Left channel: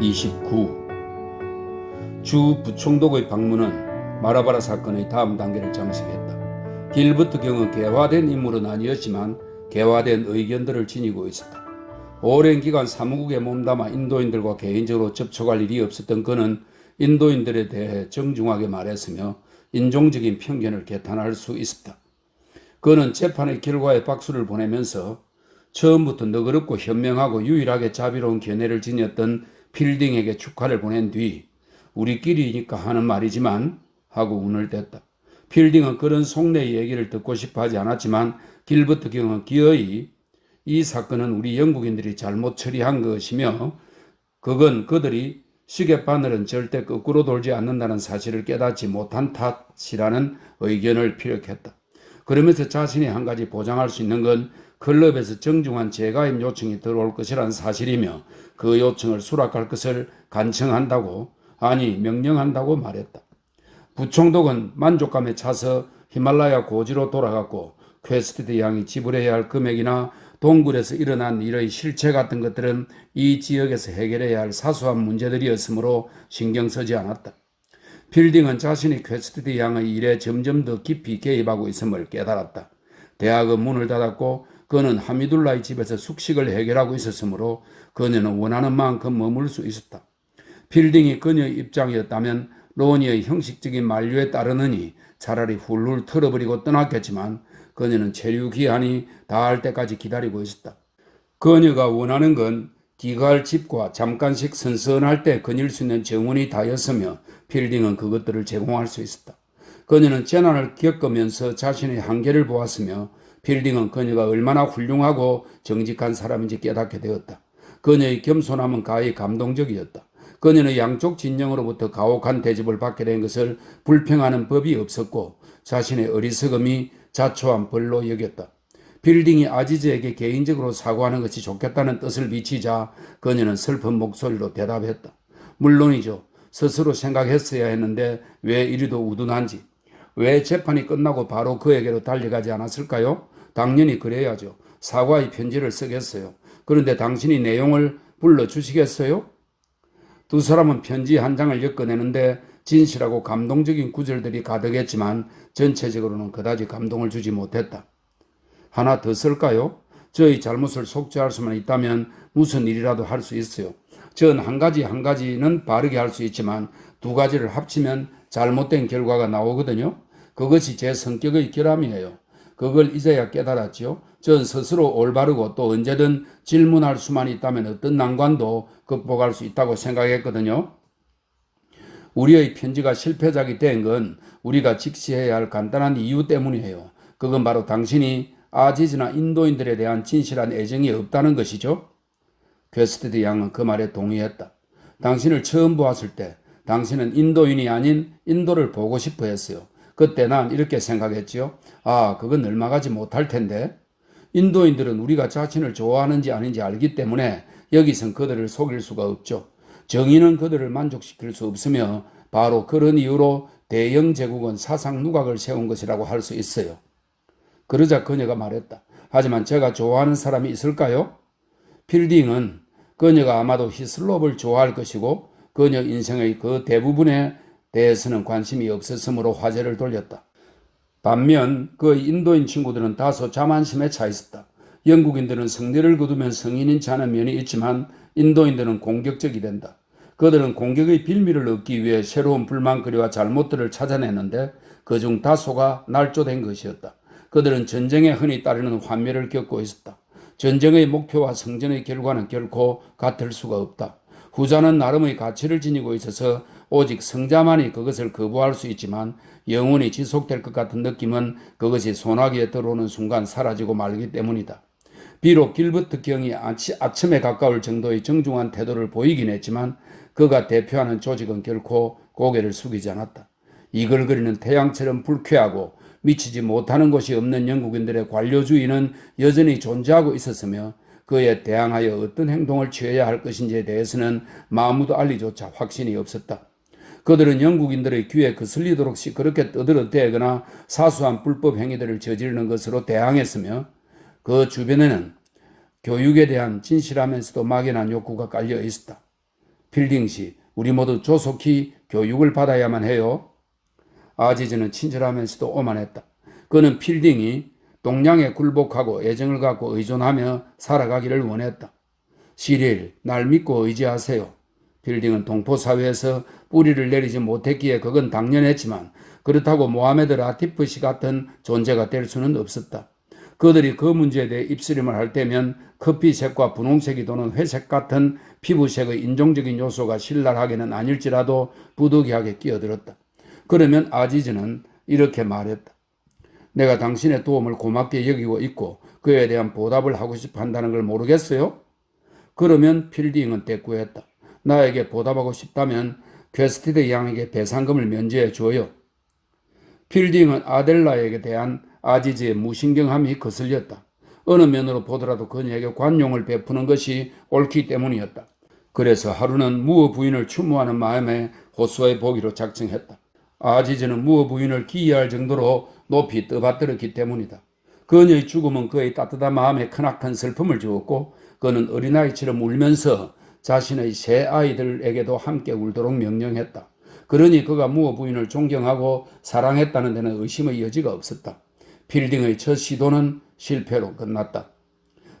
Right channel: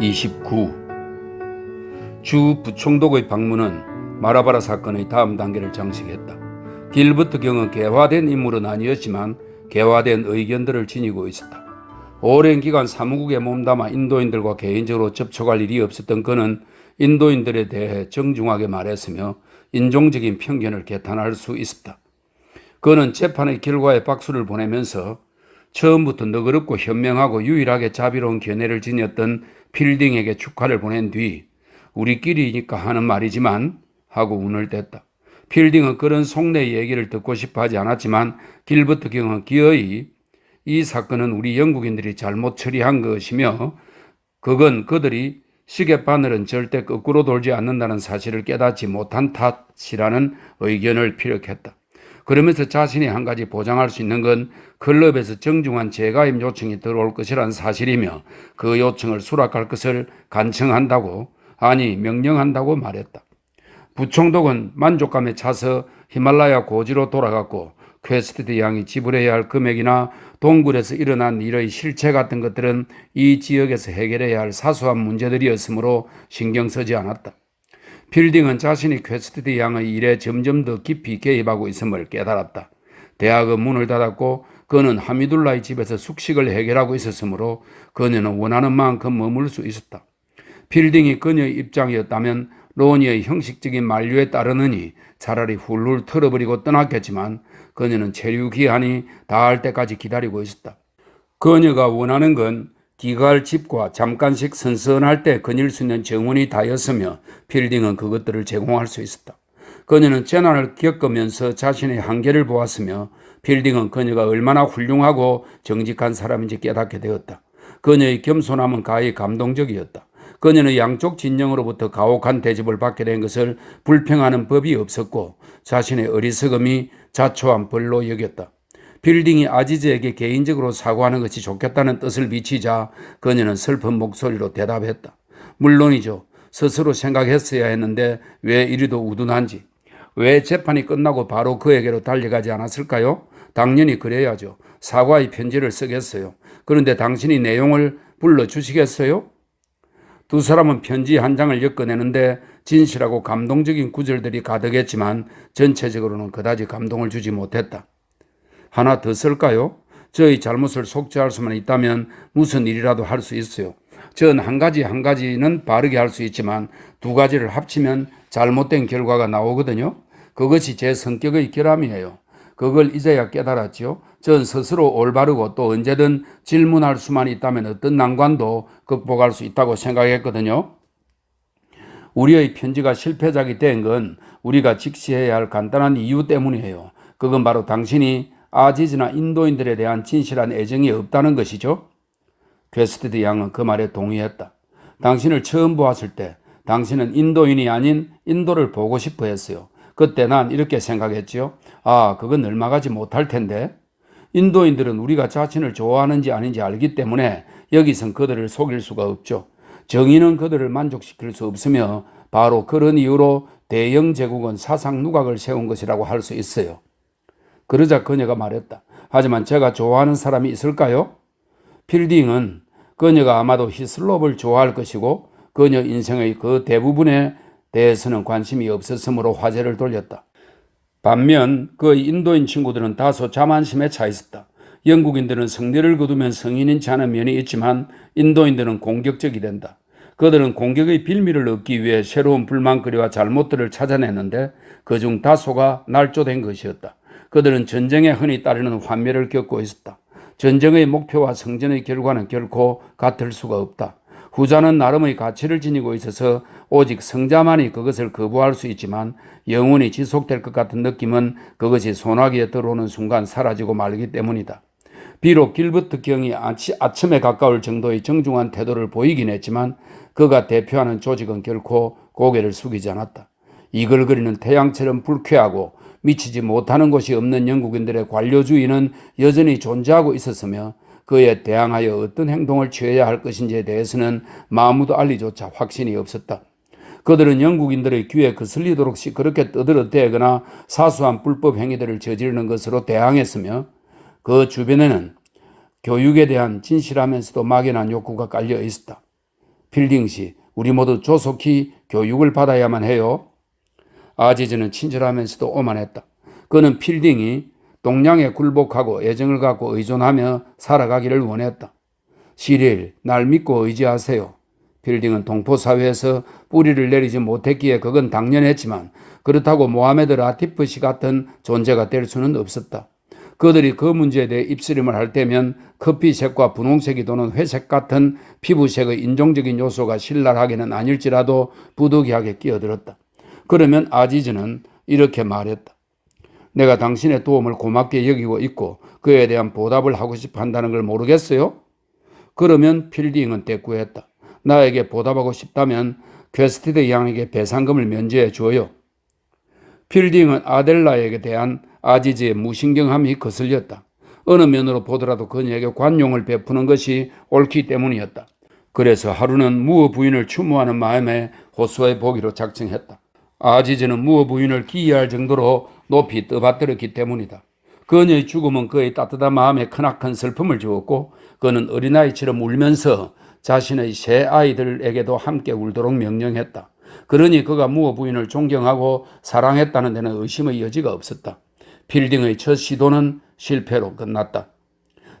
29. 주 부총독의 방문은 마라바라 사건의 다음 단계를 장식했다. 길버트 경은 개화된 인물은 아니었지만 개화된 의견들을 지니고 있었다. 오랜 기간 사무국에 몸담아 인도인들과 개인적으로 접촉할 일이 없었던 그는 인도인들에 대해 정중하게 말했으며 인종적인 편견을 개탄할 수 있었다. 그는 재판의 결과에 박수를 보내면서 처음부터 너그럽고 현명하고 유일하게 자비로운 견해를 지녔던 필딩에게 축하를 보낸 뒤 우리끼리니까 하는 말이지만 하고 운을 댔다. 필딩은 그런 속내 얘기를 듣고 싶어 하지 않았지만 길버트 경은 기어이 이 사건은 우리 영국인들이 잘못 처리한 것이며 그건 그들이 시계바늘은 절대 거꾸로 돌지 않는다는 사실을 깨닫지 못한 탓이라는 의견을 피력했다. 그러면서 자신이 한 가지 보장할 수 있는 건 클럽에서 정중한 재가입 요청이 들어올 것이라는 사실이며 그 요청을 수락할 것을 간청한다고 아니 명령한다고 말했다. 부총독은 만족감에 차서 히말라야 고지로 돌아갔고 퀘스티드 양이 지불해야 할 금액이나 동굴에서 일어난 일의 실체 같은 것들은 이 지역에서 해결해야 할 사소한 문제들이었으므로 신경 쓰지 않았다. 필딩은 자신이 퀘스티드 양의 일에 점점 더 깊이 개입하고 있음을 깨달았다. 대학은 문을 닫았고 그는 하미둘라의 집에서 숙식을 해결하고 있었으므로 그녀는 원하는 만큼 머물 수 있었다. 필딩이 그녀의 입장이었다면 로니의 형식적인 만류에 따르느니 차라리 훌훌 털어버리고 떠났겠지만 그녀는 체류 기한이 닿을 때까지 기다리고 있었다. 그녀가 원하는 건 기가할 집과 잠깐씩 선선할 때 거닐 수 있는 정원이 다였으며 필딩은 그것들을 제공할 수 있었다. 그녀는 재난을 겪으면서 자신의 한계를 보았으며 필딩은 그녀가 얼마나 훌륭하고 정직한 사람인지 깨닫게 되었다. 그녀의 겸손함은 가히 감동적이었다. 그녀는 양쪽 진영으로부터 가혹한 대접을 받게 된 것을 불평하는 법이 없었고 자신의 어리석음이 자초한 벌로 여겼다. 필딩이 아지즈에게 개인적으로 사과하는 것이 좋겠다는 뜻을 비치자 그녀는 슬픈 목소리로 대답했다. 물론이죠. 스스로 생각했어야 했는데 왜 이리도 우둔한지. 왜 재판이 끝나고 바로 그에게로 달려가지 않았을까요? 당연히 그래야죠. 사과의 편지를 쓰겠어요. 그런데 당신이 내용을 불러주시겠어요? 두 사람은 편지 한 장을 엮어내는데 진실하고 감동적인 구절들이 가득했지만 전체적으로는 그다지 감동을 주지 못했다. 하나 더 쓸까요? 저의 잘못을 속죄할 수만 있다면 무슨 일이라도 할 수 있어요. 전 한 가지는 바르게 할 수 있지만 두 가지를 합치면 잘못된 결과가 나오거든요. 그것이 제 성격의 결함이에요. 그걸 이제야 깨달았죠. 전 스스로 올바르고 또 언제든 질문할 수만 있다면 어떤 난관도 극복할 수 있다고 생각했거든요. 우리의 편지가 실패작이 된 건 우리가 직시해야 할 간단한 이유 때문이에요. 그건 바로 당신이 아지즈나 인도인들에 대한 진실한 애정이 없다는 것이죠. 퀘스티드 양은 그 말에 동의했다. 당신을 처음 보았을 때 당신은 인도인이 아닌 인도를 보고 싶어 했어요. 그때 난 이렇게 생각했지요. 그건 얼마가지 못할 텐데. 인도인들은 우리가 자신을 좋아하는지 아닌지 알기 때문에 여기선 그들을 속일 수가 없죠. 정의는 그들을 만족시킬 수 없으며 바로 그런 이유로 대영 제국은 사상 누각을 세운 것이라고 할 수 있어요. 그러자 그녀가 말했다. 하지만 제가 좋아하는 사람이 있을까요? 필딩은 그녀가 아마도 히슬롭을 좋아할 것이고 그녀 인생의 그 대부분에 대해서는 관심이 없었으므로 화제를 돌렸다. 반면 그 인도인 친구들은 다소 자만심에 차 있었다. 영국인들은 성례를 거두면 성인인 지 않은 면이 있지만 인도인들은 공격적이 된다. 그들은 공격의 빌미를 얻기 위해 새로운 불만거리와 잘못들을 찾아내는데 그중 다소가 날조된 것이었다. 그들은 전쟁에 흔히 따르는 환멸을 겪고 있었다. 전쟁의 목표와 성전의 결과는 결코 같을 수가 없다. 후자는 나름의 가치를 지니고 있어서 오직 성자만이 그것을 거부할 수 있지만 영원히 지속될 것 같은 느낌은 그것이 소나기에 들어오는 순간 사라지고 말기 때문이다. 비록 길버트 경이 아첨에 가까울 정도의 정중한 태도를 보이긴 했지만 그가 대표하는 조직은 결코 고개를 숙이지 않았다. 이글거리는 태양처럼 불쾌하고 미치지 못하는 곳이 없는 영국인들의 관료주의는 여전히 존재하고 있었으며 그에 대항하여 어떤 행동을 취해야 할 것인지에 대해서는 아무도 알리조차 확신이 없었다. 그들은 영국인들의 귀에 거슬리도록 그렇게 떠들어대거나 사소한 불법 행위들을 저지르는 것으로 대항했으며 그 주변에는 교육에 대한 진실하면서도 막연한 욕구가 깔려 있었다. 필딩 씨, 우리 모두 조속히 교육을 받아야만 해요. 아지즈는 친절하면서도 오만했다. 그는 필딩이 동량에 굴복하고 애정을 갖고 의존하며 살아가기를 원했다. 시릴, 날 믿고 의지하세요. 필딩은 동포사회에서 뿌리를 내리지 못했기에 그건 당연했지만 그렇다고 모하메드 라티프 씨 같은 존재가 될 수는 없었다. 그들이 그 문제에 대해 입쓰림을 할 때면 커피색과 분홍색이 도는 회색 같은 피부색의 인종적인 요소가 신랄하게는 아닐지라도 부득이하게 끼어들었다. 그러면 아지즈는 이렇게 말했다. 내가 당신의 도움을 고맙게 여기고 있고 그에 대한 보답을 하고 싶어 한다는 걸 모르겠어요? 그러면 필딩은 대꾸했다. 나에게 보답하고 싶다면 퀘스티드 양에게 배상금을 면제해 줘요. 필딩은 아델라에게 대한 아지즈의 무신경함이 거슬렸다. 어느 면으로 보더라도 그녀에게 관용을 베푸는 것이 옳기 때문이었다. 그래서 하루는 무어 부인을 추모하는 마음에 호수에 보기로 작정했다. 아지즈는 무어 부인을 기이할 정도로 높이 떠받들었기 때문이다. 그녀의 죽음은 그의 따뜻한 마음에 크나큰 슬픔을 주었고 그는 어린아이처럼 울면서 자신의 세 아이들에게도 함께 울도록 명령했다. 그러니 그가 무어 부인을 존경하고 사랑했다는 데는 의심의 여지가 없었다. 필딩의 첫 시도는 실패로 끝났다.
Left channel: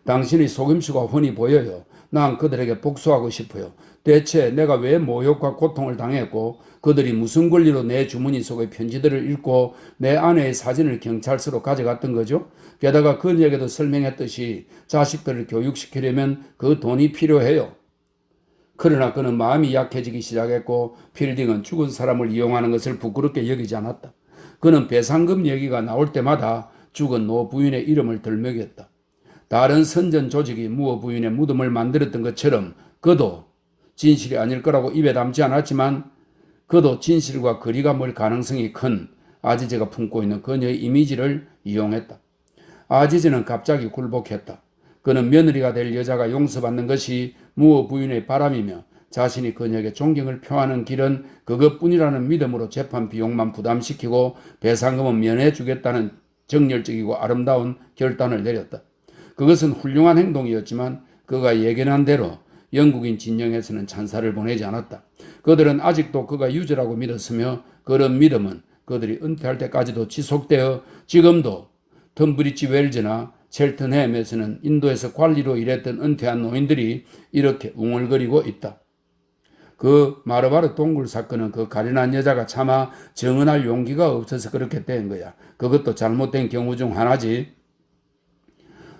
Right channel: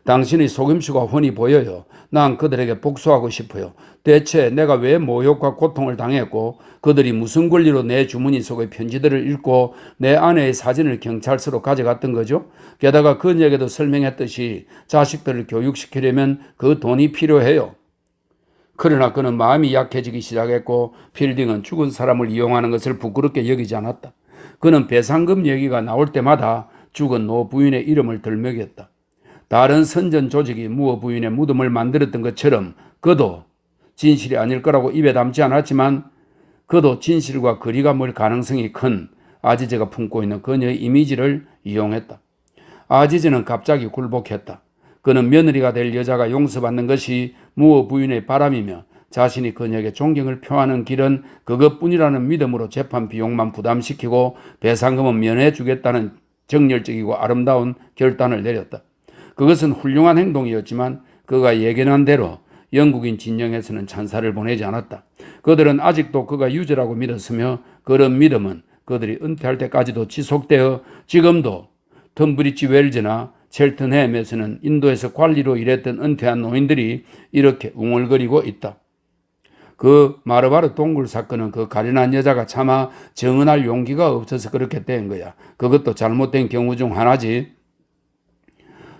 당신의 속임수가 훤히 보여요. 난 그들에게 복수하고 싶어요. 대체 내가 왜 모욕과 고통을 당했고 그들이 무슨 권리로 내 주머니 속의 편지들을 읽고 내 아내의 사진을 경찰서로 가져갔던 거죠? 게다가 그녀에게도 설명했듯이 자식들을 교육시키려면 그 돈이 필요해요. 그러나 그는 마음이 약해지기 시작했고 필딩은 죽은 사람을 이용하는 것을 부끄럽게 여기지 않았다. 그는 배상금 얘기가 나올 때마다 죽은 노 부인의 이름을 들먹였다. 다른 선전 조직이 무어 부인의 무덤을 만들었던 것처럼 그도 진실이 아닐 거라고 입에 담지 않았지만 그도 진실과 거리가 멀 가능성이 큰 아지즈가 품고 있는 그녀의 이미지를 이용했다. 아지즈는 갑자기 굴복했다. 그는 며느리가 될 여자가 용서받는 것이 무어 부인의 바람이며 자신이 그녀에게 존경을 표하는 길은 그것뿐이라는 믿음으로 재판 비용만 부담시키고 배상금은 면해주겠다는 정열적이고 아름다운 결단을 내렸다. 그것은 훌륭한 행동이었지만 그가 예견한 대로 영국인 진영에서는 찬사를 보내지 않았다. 그들은 아직도 그가 유죄라고 믿었으며 그런 믿음은 그들이 은퇴할 때까지도 지속되어 지금도 턴브리지 웰즈나 첼튼햄에서는 인도에서 관리로 일했던 은퇴한 노인들이 이렇게 웅얼거리고 있다. 그 마르바르 동굴 사건은 그 가련한 여자가 차마 정언할 용기가 없어서 그렇게 된 거야. 그것도 잘못된 경우 중 하나지.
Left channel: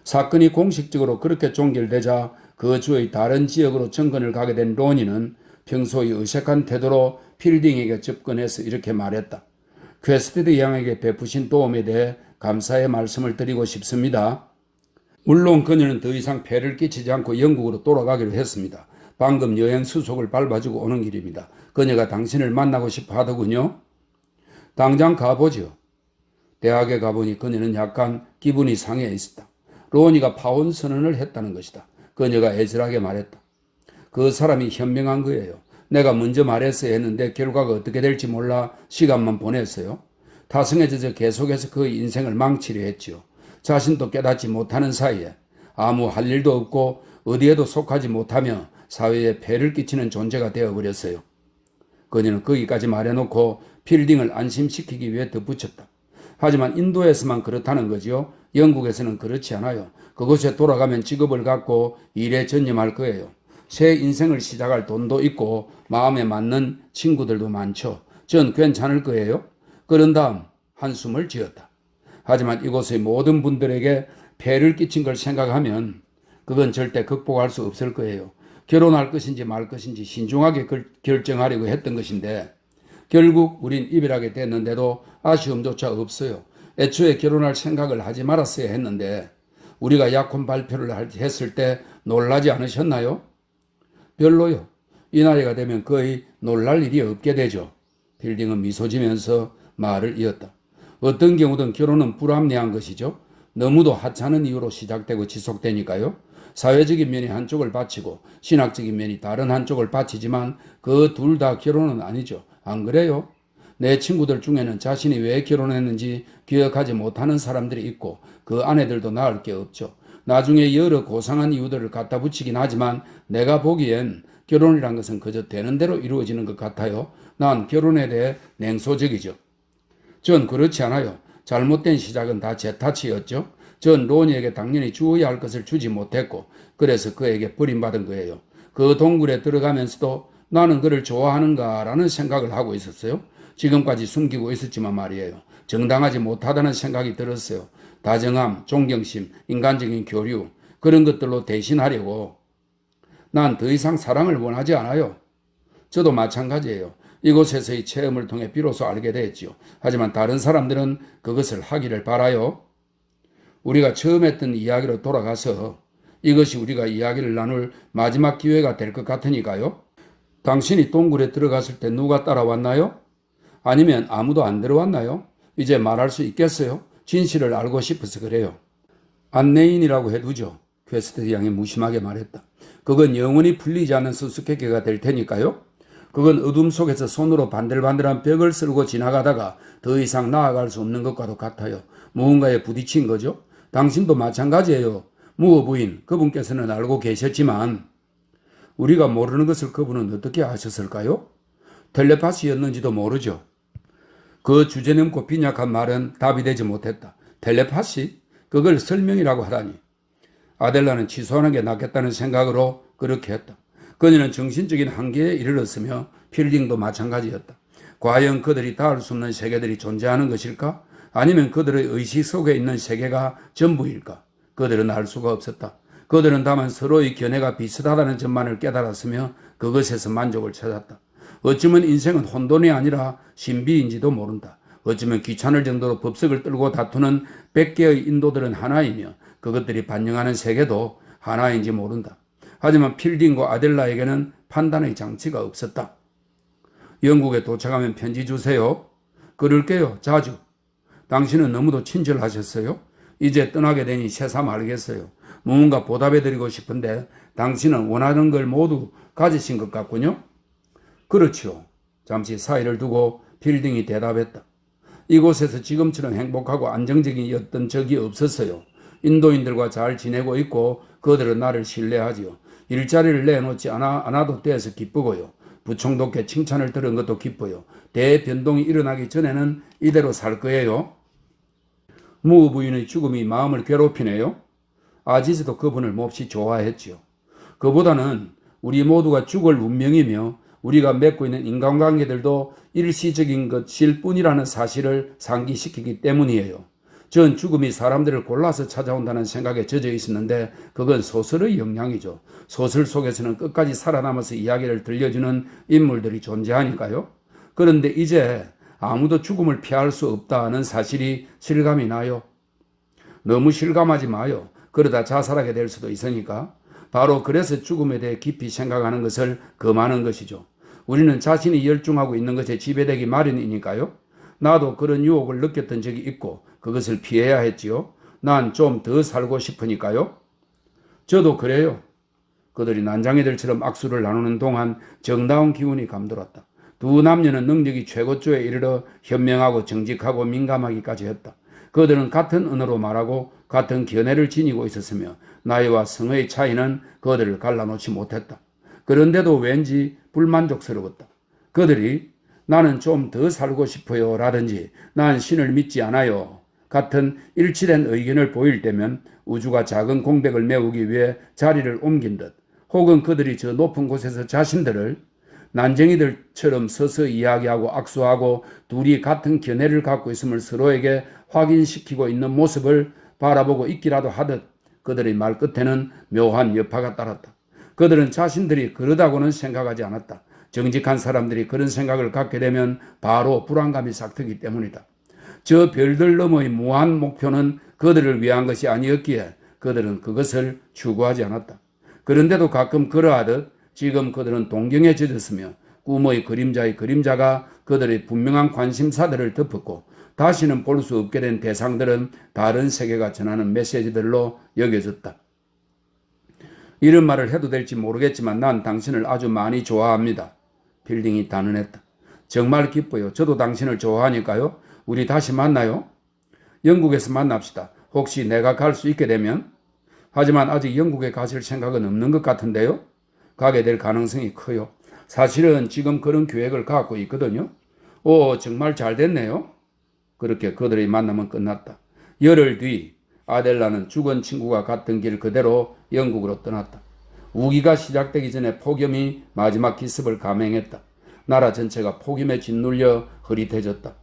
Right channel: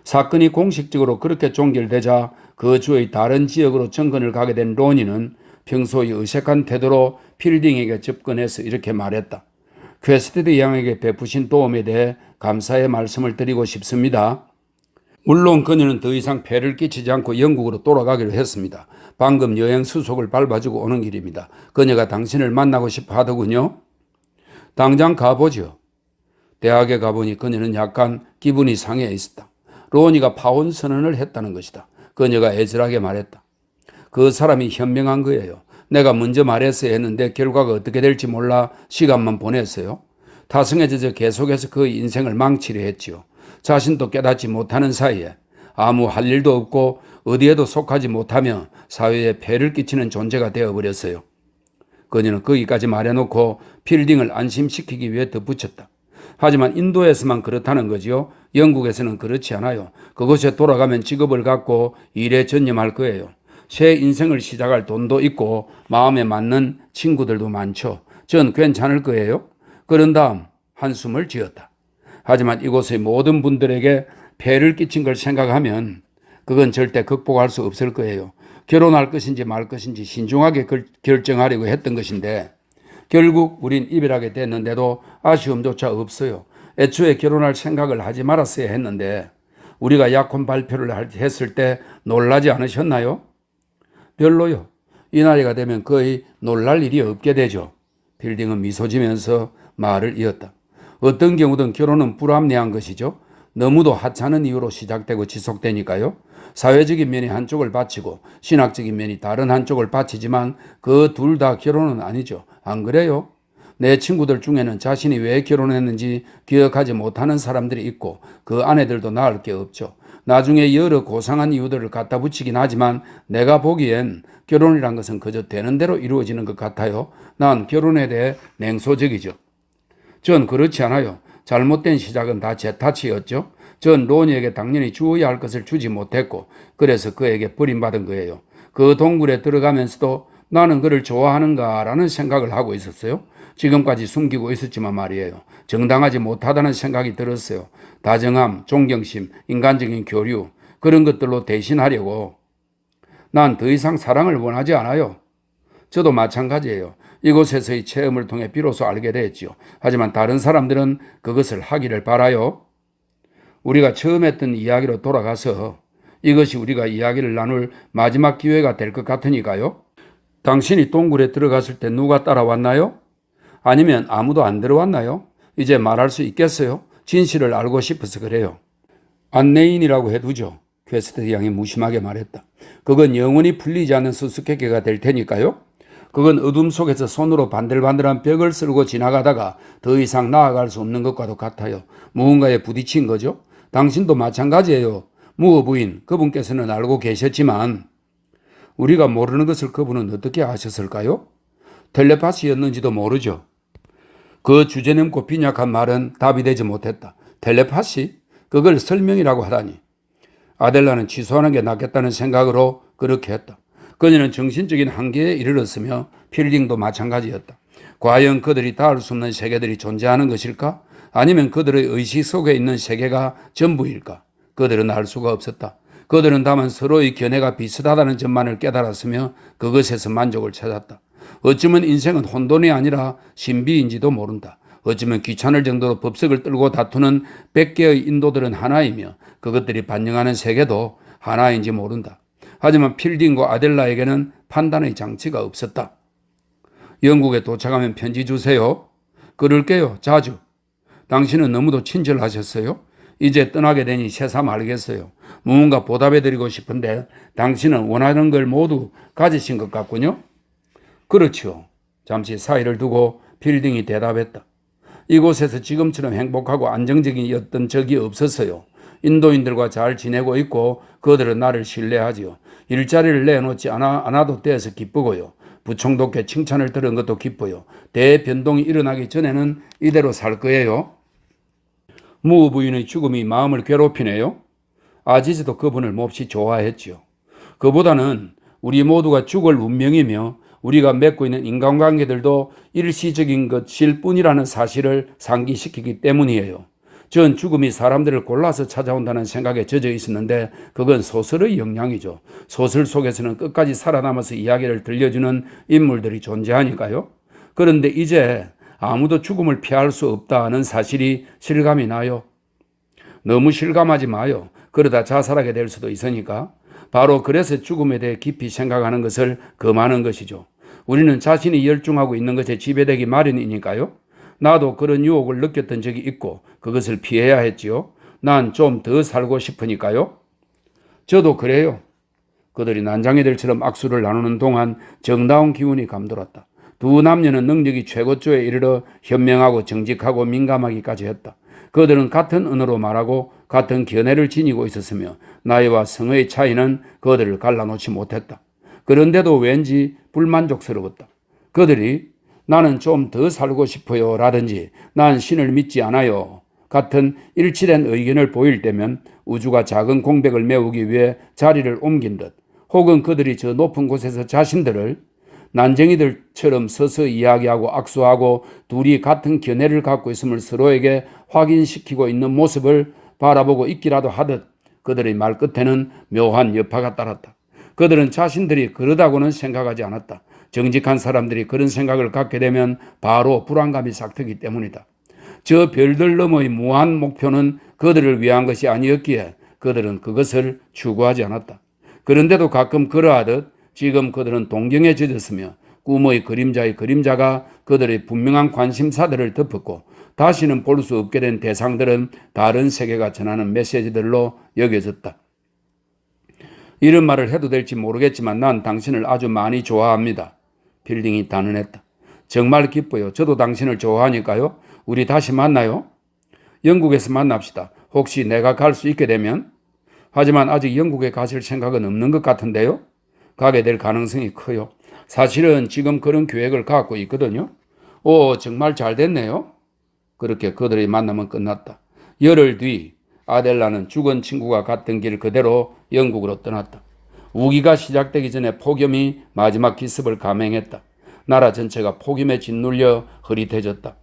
사건이 공식적으로 그렇게 종결되자 그 주의 다른 지역으로 정근을 가게 된 로니는 평소의 어색한 태도로 필딩에게 접근해서 이렇게 말했다. 퀘스티드 양에게 베푸신 도움에 대해 감사의 말씀을 드리고 싶습니다. 물론 그녀는 더 이상 폐를 끼치지 않고 영국으로 돌아가기로 했습니다. 방금 여행 수속을 밟아주고 오는 길입니다. 그녀가 당신을 만나고 싶어 하더군요. 당장 가보죠. 대학에 가보니 그녀는 약간 기분이 상해 있었다. 로니가 파혼 선언을 했다는 것이다. 그녀가 애절하게 말했다. 그 사람이 현명한 거예요. 내가 먼저 말했어야 했는데 결과가 어떻게 될지 몰라 시간만 보냈어요. 타성에 젖어 계속해서 그 인생을 망치려 했지요. 자신도 깨닫지 못하는 사이에 아무 할 일도 없고 어디에도 속하지 못하며 사회에 폐를 끼치는 존재가 되어버렸어요. 그녀는 거기까지 말해놓고 필딩을 안심시키기 위해 덧붙였다. 하지만 인도에서만 그렇다는 거지요. 영국에서는 그렇지 않아요. 그곳에 돌아가면 직업을 갖고 일에 전념할 거예요. 새 인생을 시작할 돈도 있고 마음에 맞는 친구들도 많죠. 전 괜찮을 거예요. 그런 다음 한숨을 지었다. 하지만 이곳의 모든 분들에게 폐를 끼친 걸 생각하면 그건 절대 극복할 수 없을 거예요. 결혼할 것인지 말 것인지 신중하게 결정하려고 했던 것인데 결국 우린 이별하게 됐는데도 아쉬움조차 없어요. 애초에 결혼할 생각을 하지 말았어야 했는데 우리가 약혼 발표를 했을 때 놀라지 않으셨나요? 별로요. 이 나이가 되면 거의 놀랄 일이 없게 되죠. 필딩은 미소 지면서 말을 이었다. 어떤 경우든 결혼은 불합리한 것이죠. 너무도 하찮은 이유로 시작되고 지속되니까요. 사회적인 면이 한쪽을 바치고 신학적인 면이 다른 한쪽을 바치지만 그 둘 다 결혼은 아니죠. 안 그래요? 내 친구들 중에는 자신이 왜 결혼했는지 기억하지 못하는 사람들이 있고 그 아내들도 나을 게 없죠. 나중에 여러 고상한 이유들을 갖다 붙이긴 하지만 내가 보기엔 결혼이란 것은 그저 되는 대로 이루어지는 것 같아요. 난 결혼에 대해 냉소적이죠. 전 그렇지 않아요. 잘못된 시작은 다 제 탓이었죠. 전 로니에게 당연히 주어야 할 것을 주지 못했고 그래서 그에게 버림받은 거예요. 그 동굴에 들어가면서도 나는 그를 좋아하는가라는 생각을 하고 있었어요. 지금까지 숨기고 있었지만 말이에요. 정당하지 못하다는 생각이 들었어요. 다정함, 존경심, 인간적인 교류 그런 것들로 대신하려고 난 더 이상 사랑을 원하지 않아요. 저도 마찬가지예요. 이곳에서의 체험을 통해 비로소 알게 됐지요. 하지만 다른 사람들은 그것을 하기를 바라요. 우리가 처음 했던 이야기로 돌아가서 이것이 우리가 이야기를 나눌 마지막 기회가 될 것 같으니까요. 당신이 동굴에 들어갔을 때 누가 따라왔나요? 아니면 아무도 안 들어왔나요? 이제 말할 수 있겠어요? 진실을 알고 싶어서 그래요. 안내인이라고 해두죠. 퀘스트 양이 무심하게 말했다. 그건 영원히 풀리지 않는 수수께끼가 될 테니까요. 그건 어둠 속에서 손으로 반들반들한 벽을 쓸고 지나가다가 더 이상 나아갈 수 없는 것과도 같아요. 무언가에 부딪힌 거죠. 당신도 마찬가지예요. 무어 부인, 그분께서는 알고 계셨지만 우리가 모르는 것을 그분은 어떻게 아셨을까요? 텔레파시였는지도 모르죠. 그 주제넘고 빈약한 말은 답이 되지 못했다. 텔레파시? 그걸 설명이라고 하다니. 아델라는 취소하는 게 낫겠다는 생각으로 그렇게 했다. 그녀는 정신적인 한계에 이르렀으며 필딩도 마찬가지였다. 과연 그들이 닿을 수 없는 세계들이 존재하는 것일까? 아니면 그들의 의식 속에 있는 세계가 전부일까? 그들은 알 수가 없었다. 그들은 다만 서로의 견해가 비슷하다는 점만을 깨달았으며 그것에서 만족을 찾았다. 어쩌면 인생은 혼돈이 아니라 신비인지도 모른다. 어쩌면 귀찮을 정도로 법석을 떨고 다투는 100개의 인도들은 하나이며 그것들이 반영하는 세계도 하나인지 모른다. 하지만 필딩과 아델라에게는 판단의 장치가 없었다. 영국에 도착하면 편지 주세요. 그럴게요. 자주. 당신은 너무도 친절하셨어요. 이제 떠나게 되니 새삼 알겠어요. 무언가 보답해드리고 싶은데 당신은 원하는 걸 모두 가지신 것 같군요. 그렇죠. 잠시 사이를 두고 필딩이 대답했다. 이곳에서 지금처럼 행복하고 안정적이었던 적이 없었어요. 인도인들과 잘 지내고 있고 그들은 나를 신뢰하지요. 일자리를 내놓지 않아도 돼서 기쁘고요. 부총독께 칭찬을 들은 것도 기뻐요. 대변동이 일어나기 전에는 이대로 살 거예요. 무어 부인의 죽음이 마음을 괴롭히네요. 아지즈도 그분을 몹시 좋아했지요. 그보다는 우리 모두가 죽을 운명이며 우리가 맺고 있는 인간관계들도 일시적인 것일 뿐이라는 사실을 상기시키기 때문이에요. 전 죽음이 사람들을 골라서 찾아온다는 생각에 젖어 있었는데 그건 소설의 영향이죠. 소설 속에서는 끝까지 살아남아서 이야기를 들려주는 인물들이 존재하니까요. 그런데 이제 아무도 죽음을 피할 수 없다는 사실이 실감이 나요. 너무 실감하지 마요. 그러다 자살하게 될 수도 있으니까. 바로 그래서 죽음에 대해 깊이 생각하는 것을 금하는 것이죠. 우리는 자신이 열중하고 있는 것에 지배되기 마련이니까요. 나도 그런 유혹을 느꼈던 적이 있고 그것을 피해야 했지요. 난 좀 더 살고 싶으니까요. 저도 그래요. 그들이 난장이들처럼 악수를 나누는 동안 정다운 기운이 감돌았다. 두 남녀는 능력이 최고조에 이르러 현명하고 정직하고 민감하기까지 했다. 그들은 같은 언어로 말하고 같은 견해를 지니고 있었으며 나이와 성의 차이는 그들을 갈라놓지 못했다. 그런데도 왠지 불만족스러웠다. 그들이 나는 좀 더 살고 싶어요 라든지 난 신을 믿지 않아요 같은 일치된 의견을 보일 때면 우주가 작은 공백을 메우기 위해 자리를 옮긴 듯 혹은 그들이 저 높은 곳에서 자신들을 난쟁이들처럼 서서 이야기하고 악수하고 둘이 같은 견해를 갖고 있음을 서로에게 확인시키고 있는 모습을 바라보고 있기라도 하듯 그들의 말끝에는 묘한 여파가 따랐다. 그들은 자신들이 그러다고는 생각하지 않았다. 정직한 사람들이 그런 생각을 갖게 되면 바로 불안감이 싹트기 때문이다. 저 별들 너머의 무한 목표는 그들을 위한 것이 아니었기에 그들은 그것을 추구하지 않았다. 그런데도 가끔 그러하듯 지금 그들은 동경에 젖었으며 꿈의 그림자의 그림자가 그들의 분명한 관심사들을 덮었고 다시는 볼 수 없게 된 대상들은 다른 세계가 전하는 메시지들로 여겨졌다. 이런 말을 해도 될지 모르겠지만 난 당신을 아주 많이 좋아합니다. 필딩이 단언했다. 정말 기뻐요. 저도 당신을 좋아하니까요. 우리 다시 만나요. 영국에서 만납시다. 혹시 내가 갈 수 있게 되면 하지만 아직 영국에 가실 생각은 없는 것 같은데요. 가게 될 가능성이 커요. 사실은 지금 그런 계획을 갖고 있거든요. 오, 정말 잘 됐네요. 그렇게 그들의 만남은 끝났다. 열흘 뒤 아델라는 죽은 친구가 갔던 길 그대로 영국으로 떠났다. 우기가 시작되기 전에 폭염이 마지막 기습을 감행했다. 나라 전체가 폭염에 짓눌려 흐릿해졌다.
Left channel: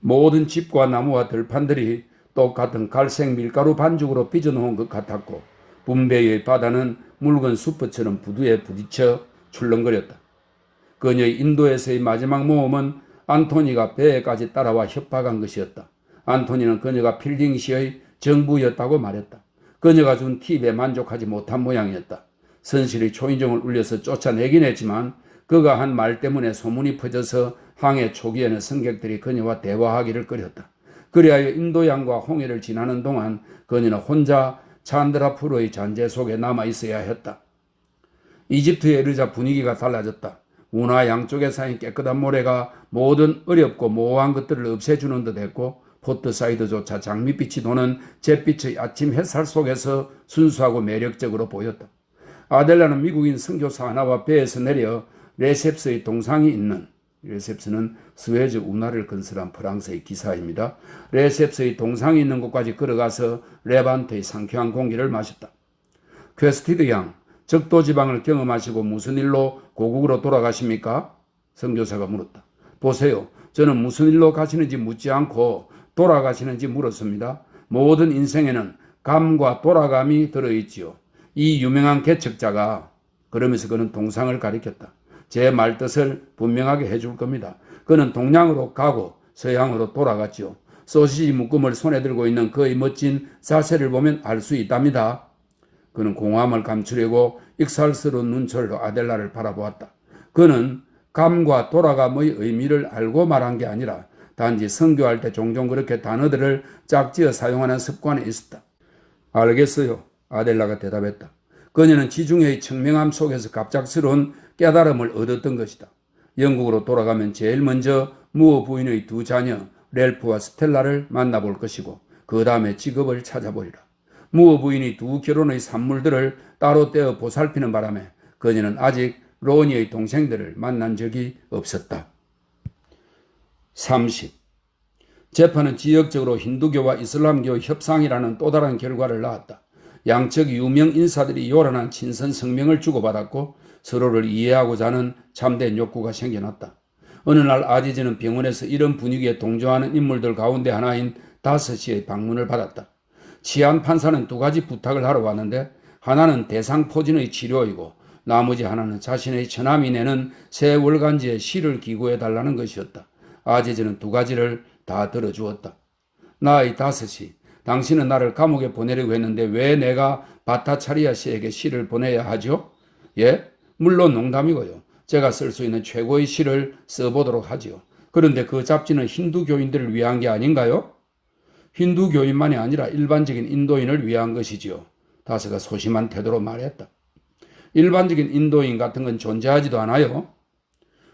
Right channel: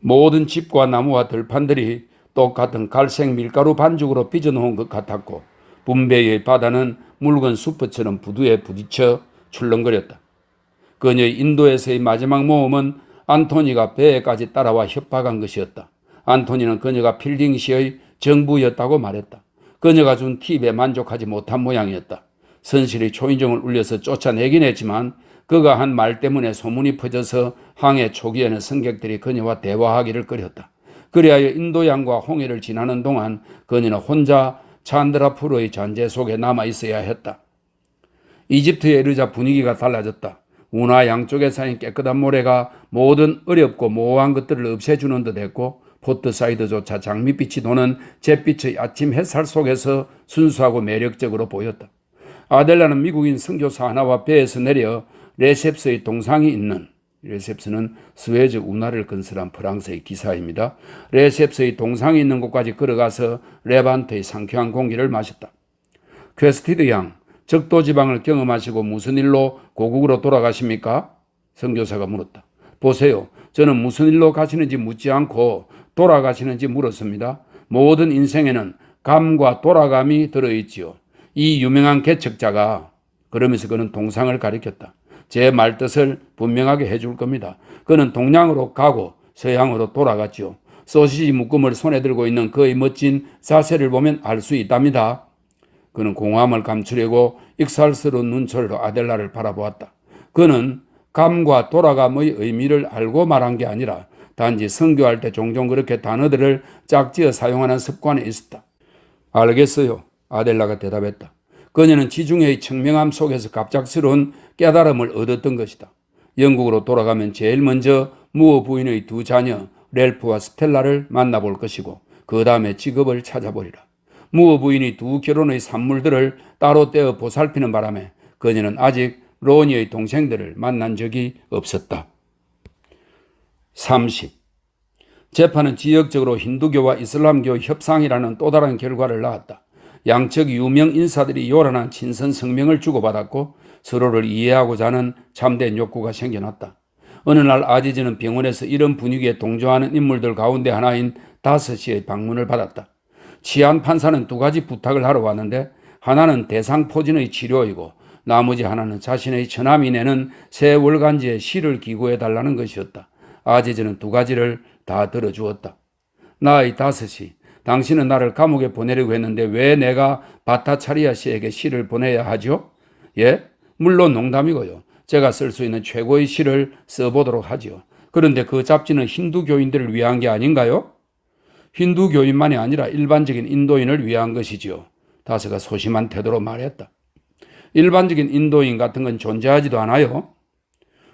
모든 집과 나무와 들판들이 똑같은 갈색 밀가루 반죽으로 빚어놓은 것 같았고 분배의 바다는 묽은 수프처럼 부두에 부딪혀 출렁거렸다. 그녀의 인도에서의 마지막 모험은 안토니가 배에까지 따라와 협박한 것이었다. 안토니는 그녀가 필딩시의 정부였다고 말했다. 그녀가 준 팁에 만족하지 못한 모양이었다. 선실의 초인종을 울려서 쫓아내긴 했지만 그가 한 말 때문에 소문이 퍼져서 항해 초기에는 승객들이 그녀와 대화하기를 꺼렸다. 그리하여 인도양과 홍해를 지나는 동안 그녀는 혼자 찬드라푸르의 잔재 속에 남아 있어야 했다. 이집트에 이르자 분위기가 달라졌다. 운하 양쪽에 쌓인 깨끗한 모래가 모든 어렵고 모호한 것들을 없애주는 듯 했고 포트사이드조차 장밋빛이 도는 잿빛의 아침 햇살 속에서 순수하고 매력적으로 보였다. 아델라는 미국인 선교사 하나와 배에서 내려 레셉스의 동상이 있는, 레셉스는 스웨즈 운하를 건설한 프랑스의 기사입니다. 레셉스의 동상이 있는 곳까지 걸어가서 레반트의 상쾌한 공기를 마셨다. 퀘스티드 양, 적도지방을 경험하시고 무슨 일로 고국으로 돌아가십니까? 선교사가 물었다. 보세요. 저는 무슨 일로 가시는지 묻지 않고 돌아가시는지 물었습니다. 모든 인생에는 감과 돌아감이 들어있지요. 이 유명한 개척자가, 그러면서 그는 동상을 가리켰다. 제 말뜻을 분명하게 해줄 겁니다. 그는 동양으로 가고 서양으로 돌아갔지요. 소시지 묶음을 손에 들고 있는 그의 멋진 자세를 보면 알 수 있답니다. 그는 공허함을 감추려고 익살스러운 눈초리로 아델라를 바라보았다. 그는 감과 돌아감의 의미를 알고 말한 게 아니라 단지 선교할 때 종종 그렇게 단어들을 짝지어 사용하는 습관이 있었다. 알겠어요. 아델라가 대답했다. 그녀는 지중해의 청명함 속에서 갑작스러운 깨달음을 얻었던 것이다. 영국으로 돌아가면 제일 먼저 무어 부인의 두 자녀 렐프와 스텔라를 만나볼 것이고 그 다음에 직업을 찾아보리라. 무어 부인이 두 결혼의 산물들을 따로 떼어 보살피는 바람에 그녀는 아직 로니의 동생들을 만난 적이 없었다. 30. 재판은 지역적으로 힌두교와 이슬람교 협상이라는 또 다른 결과를 낳았다. 양측 유명 인사들이 요란한 친선 성명을 주고받았고 서로를 이해하고자 하는 참된 욕구가 생겨났다. 어느 날 아지즈는 병원에서 이런 분위기에 동조하는 인물들 가운데 하나인 다스시의 방문을 받았다. 치안 판사는 두 가지 부탁을 하러 왔는데 하나는 대상포진의 치료이고 나머지 하나는 자신의 처남이 내는 새 월간지에 시를 기고해달라는 것이었다. 아지즈는 두 가지를 다 들어주었다. 나의 다스시, 당신은 나를 감옥에 보내려고 했는데 왜 내가 바타차리아 씨에게 시를 보내야 하죠? 예? 물론 농담이고요. 제가 쓸 수 있는 최고의 시를 써보도록 하지요. 그런데 그 잡지는 힌두교인들을 위한 게 아닌가요? 힌두교인만이 아니라 일반적인 인도인을 위한 것이지요. 다스가 소심한 태도로 말했다. 일반적인 인도인 같은 건 존재하지도 않아요.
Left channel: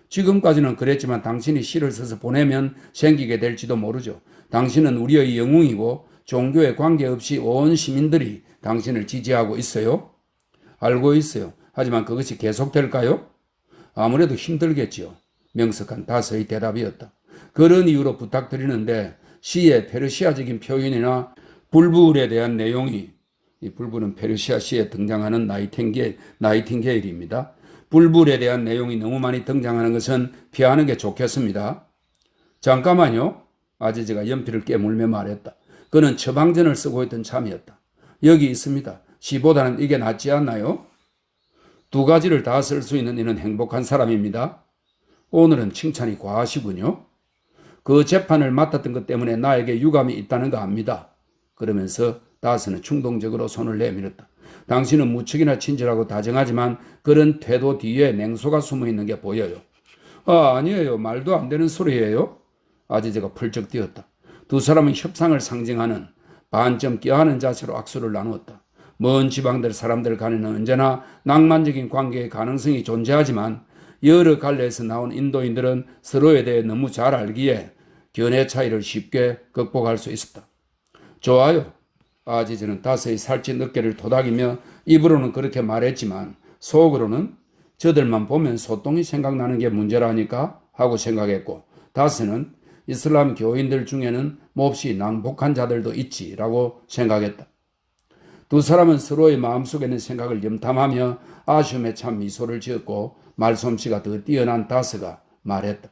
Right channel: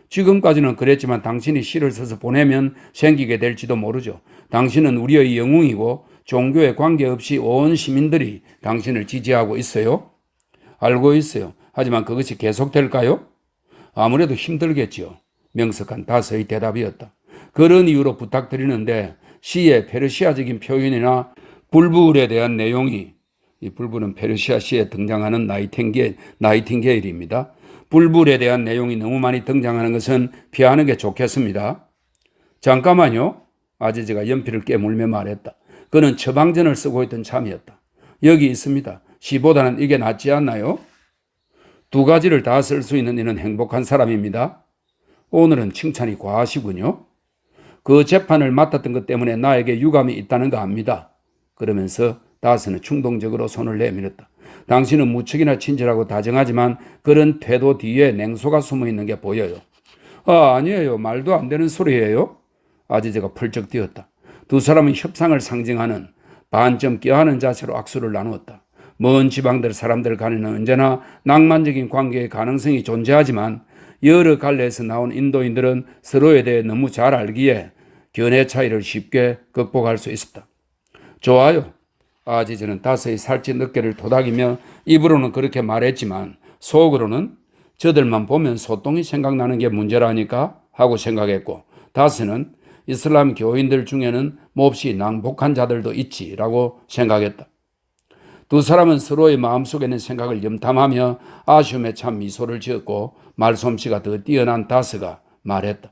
지금까지는 그랬지만 당신이 시를 써서 보내면 생기게 될지도 모르죠. 당신은 우리의 영웅이고 종교에 관계없이 온 시민들이 당신을 지지하고 있어요. 알고 있어요. 하지만 그것이 계속될까요? 아무래도 힘들겠지요. 명석한 다스의 대답이었다. 그런 이유로 부탁드리는데 시의 페르시아적인 표현이나 불불에 대한 내용이, 이 불불은 페르시아 시에 등장하는 나이팅게일입니다. 불불에 대한 내용이 너무 많이 등장하는 것은 피하는 게 좋겠습니다. 잠깐만요. 아지즈가 연필을 깨물며 말했다. 그는 처방전을 쓰고 있던 참이었다. 여기 있습니다. 시보다는 이게 낫지 않나요? 두 가지를 다 쓸 수 있는 이는 행복한 사람입니다. 오늘은 칭찬이 과하시군요. 그 재판을 맡았던 것 때문에 나에게 유감이 있다는 거 압니다. 그러면서 다스는 충동적으로 손을 내밀었다. 당신은 무척이나 친절하고 다정하지만 그런 태도 뒤에 냉소가 숨어 있는 게 보여요. 아니에요. 말도 안 되는 소리예요. 아지즈가 펄쩍 뛰었다. 두 사람은 협상을 상징하는 반쯤 껴하는 자세로 악수를 나누었다. 먼 지방들 사람들 간에는 언제나 낭만적인 관계의 가능성이 존재하지만 여러 갈래에서 나온 인도인들은 서로에 대해 너무 잘 알기에 견해 차이를 쉽게 극복할 수 있었다. 좋아요. 아지즈는 다스의 살찐 어깨를 토닥이며 입으로는 그렇게 말했지만 속으로는 저들만 보면 소똥이 생각나는 게 문제라니까 하고 생각했고, 다스는 이슬람 교인들 중에는 몹시 낭복한 자들도 있지라고 생각했다. 두 사람은 서로의 마음속에 있는 생각을 염탐하며 아쉬움에 참 미소를 지었고, 말솜씨가 더 뛰어난 다스가 말했다.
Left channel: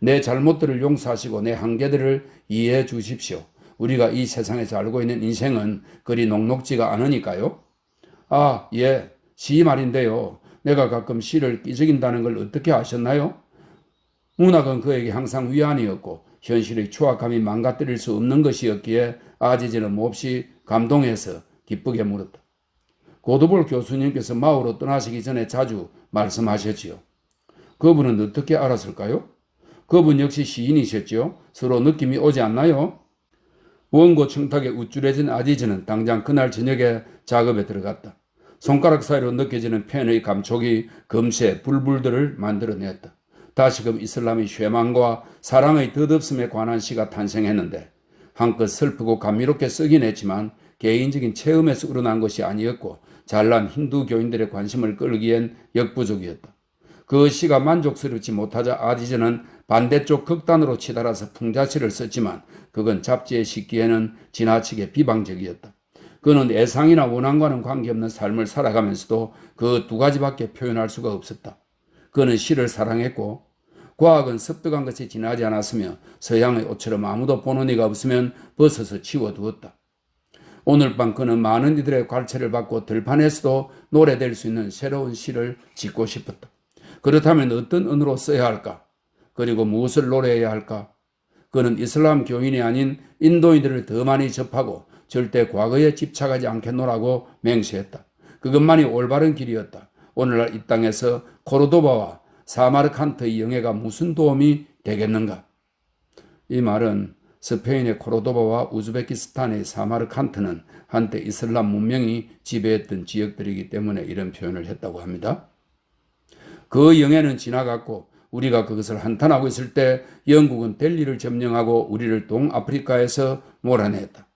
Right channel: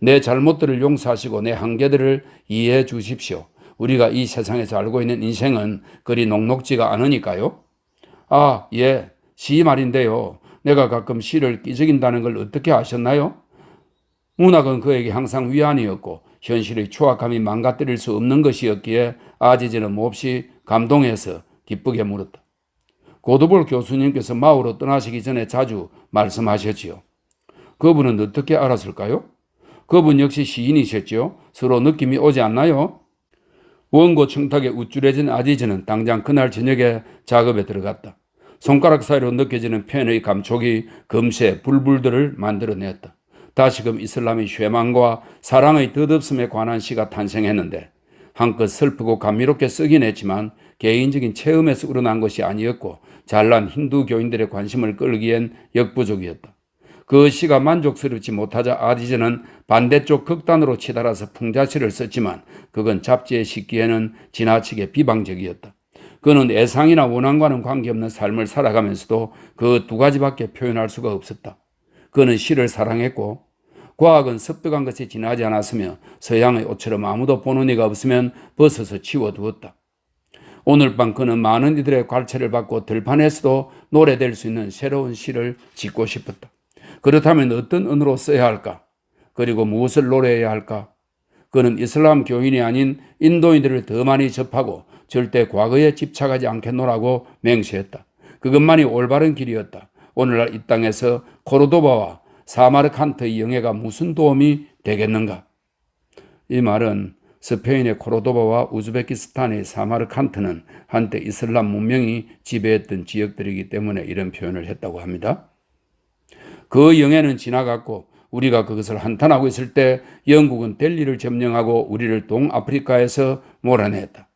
내 잘못들을 용서하시고 내 한계들을 이해해 주십시오. 우리가 이 세상에서 알고 있는 인생은 그리 녹록지가 않으니까요. 아, 예, 시 말인데요. 내가 가끔 시를 끼적인다는 걸 어떻게 아셨나요? 문학은 그에게 항상 위안이었고 현실의 추악함이 망가뜨릴 수 없는 것이었기에 아지즈는 몹시 감동해서 기쁘게 물었다. 고드볼 교수님께서 마오로 떠나시기 전에 자주 말씀하셨지요. 그분은 어떻게 알았을까요? 그분 역시 시인이셨죠. 서로 느낌이 오지 않나요? 원고 청탁에 우쭐해진 아지즈는 당장 그날 저녁에 작업에 들어갔다. 손가락 사이로 느껴지는 펜의 감촉이 금세 불불들을 만들어냈다. 다시금 이슬람의 쇠망과 사랑의 덧없음에 관한 시가 탄생했는데 한껏 슬프고 감미롭게 쓰긴 했지만 개인적인 체험에서 우러난 것이 아니었고 잘난 힌두 교인들의 관심을 끌기엔 역부족이었다. 그 시가 만족스럽지 못하자 아지즈는 반대쪽 극단으로 치달아서 풍자시를 썼지만 그건 잡지에 싣기에는 지나치게 비방적이었다. 그는 애상이나 원한과는 관계없는 삶을 살아가면서도 그 두 가지밖에 표현할 수가 없었다. 그는 시를 사랑했고 과학은 습득한 것이 지나지 않았으며 서양의 옷처럼 아무도 보는 이가 없으면 벗어서 치워두었다. 오늘 밤 그는 많은 이들의 관찰을 받고 들판에서도 노래될 수 있는 새로운 시를 짓고 싶었다. 그렇다면 어떤 언어로 써야 할까? 그리고 무엇을 노래해야 할까? 그는 이슬람 교인이 아닌 인도인들을 더 많이 접하고 절대 과거에 집착하지 않겠노라고 맹세했다. 그것만이 올바른 길이었다. 오늘날 이 땅에서 코르도바와 사마르칸트의 영예가 무슨 도움이 되겠는가? 이 말은 스페인의 코르도바와 우즈베키스탄의 사마르칸트는 한때 이슬람 문명이 지배했던 지역들이기 때문에 이런 표현을 했다고 합니다. 그 영예는 지나갔고 우리가 그것을 한탄하고 있을 때 영국은 델리를 점령하고 우리를 동아프리카에서 몰아냈다.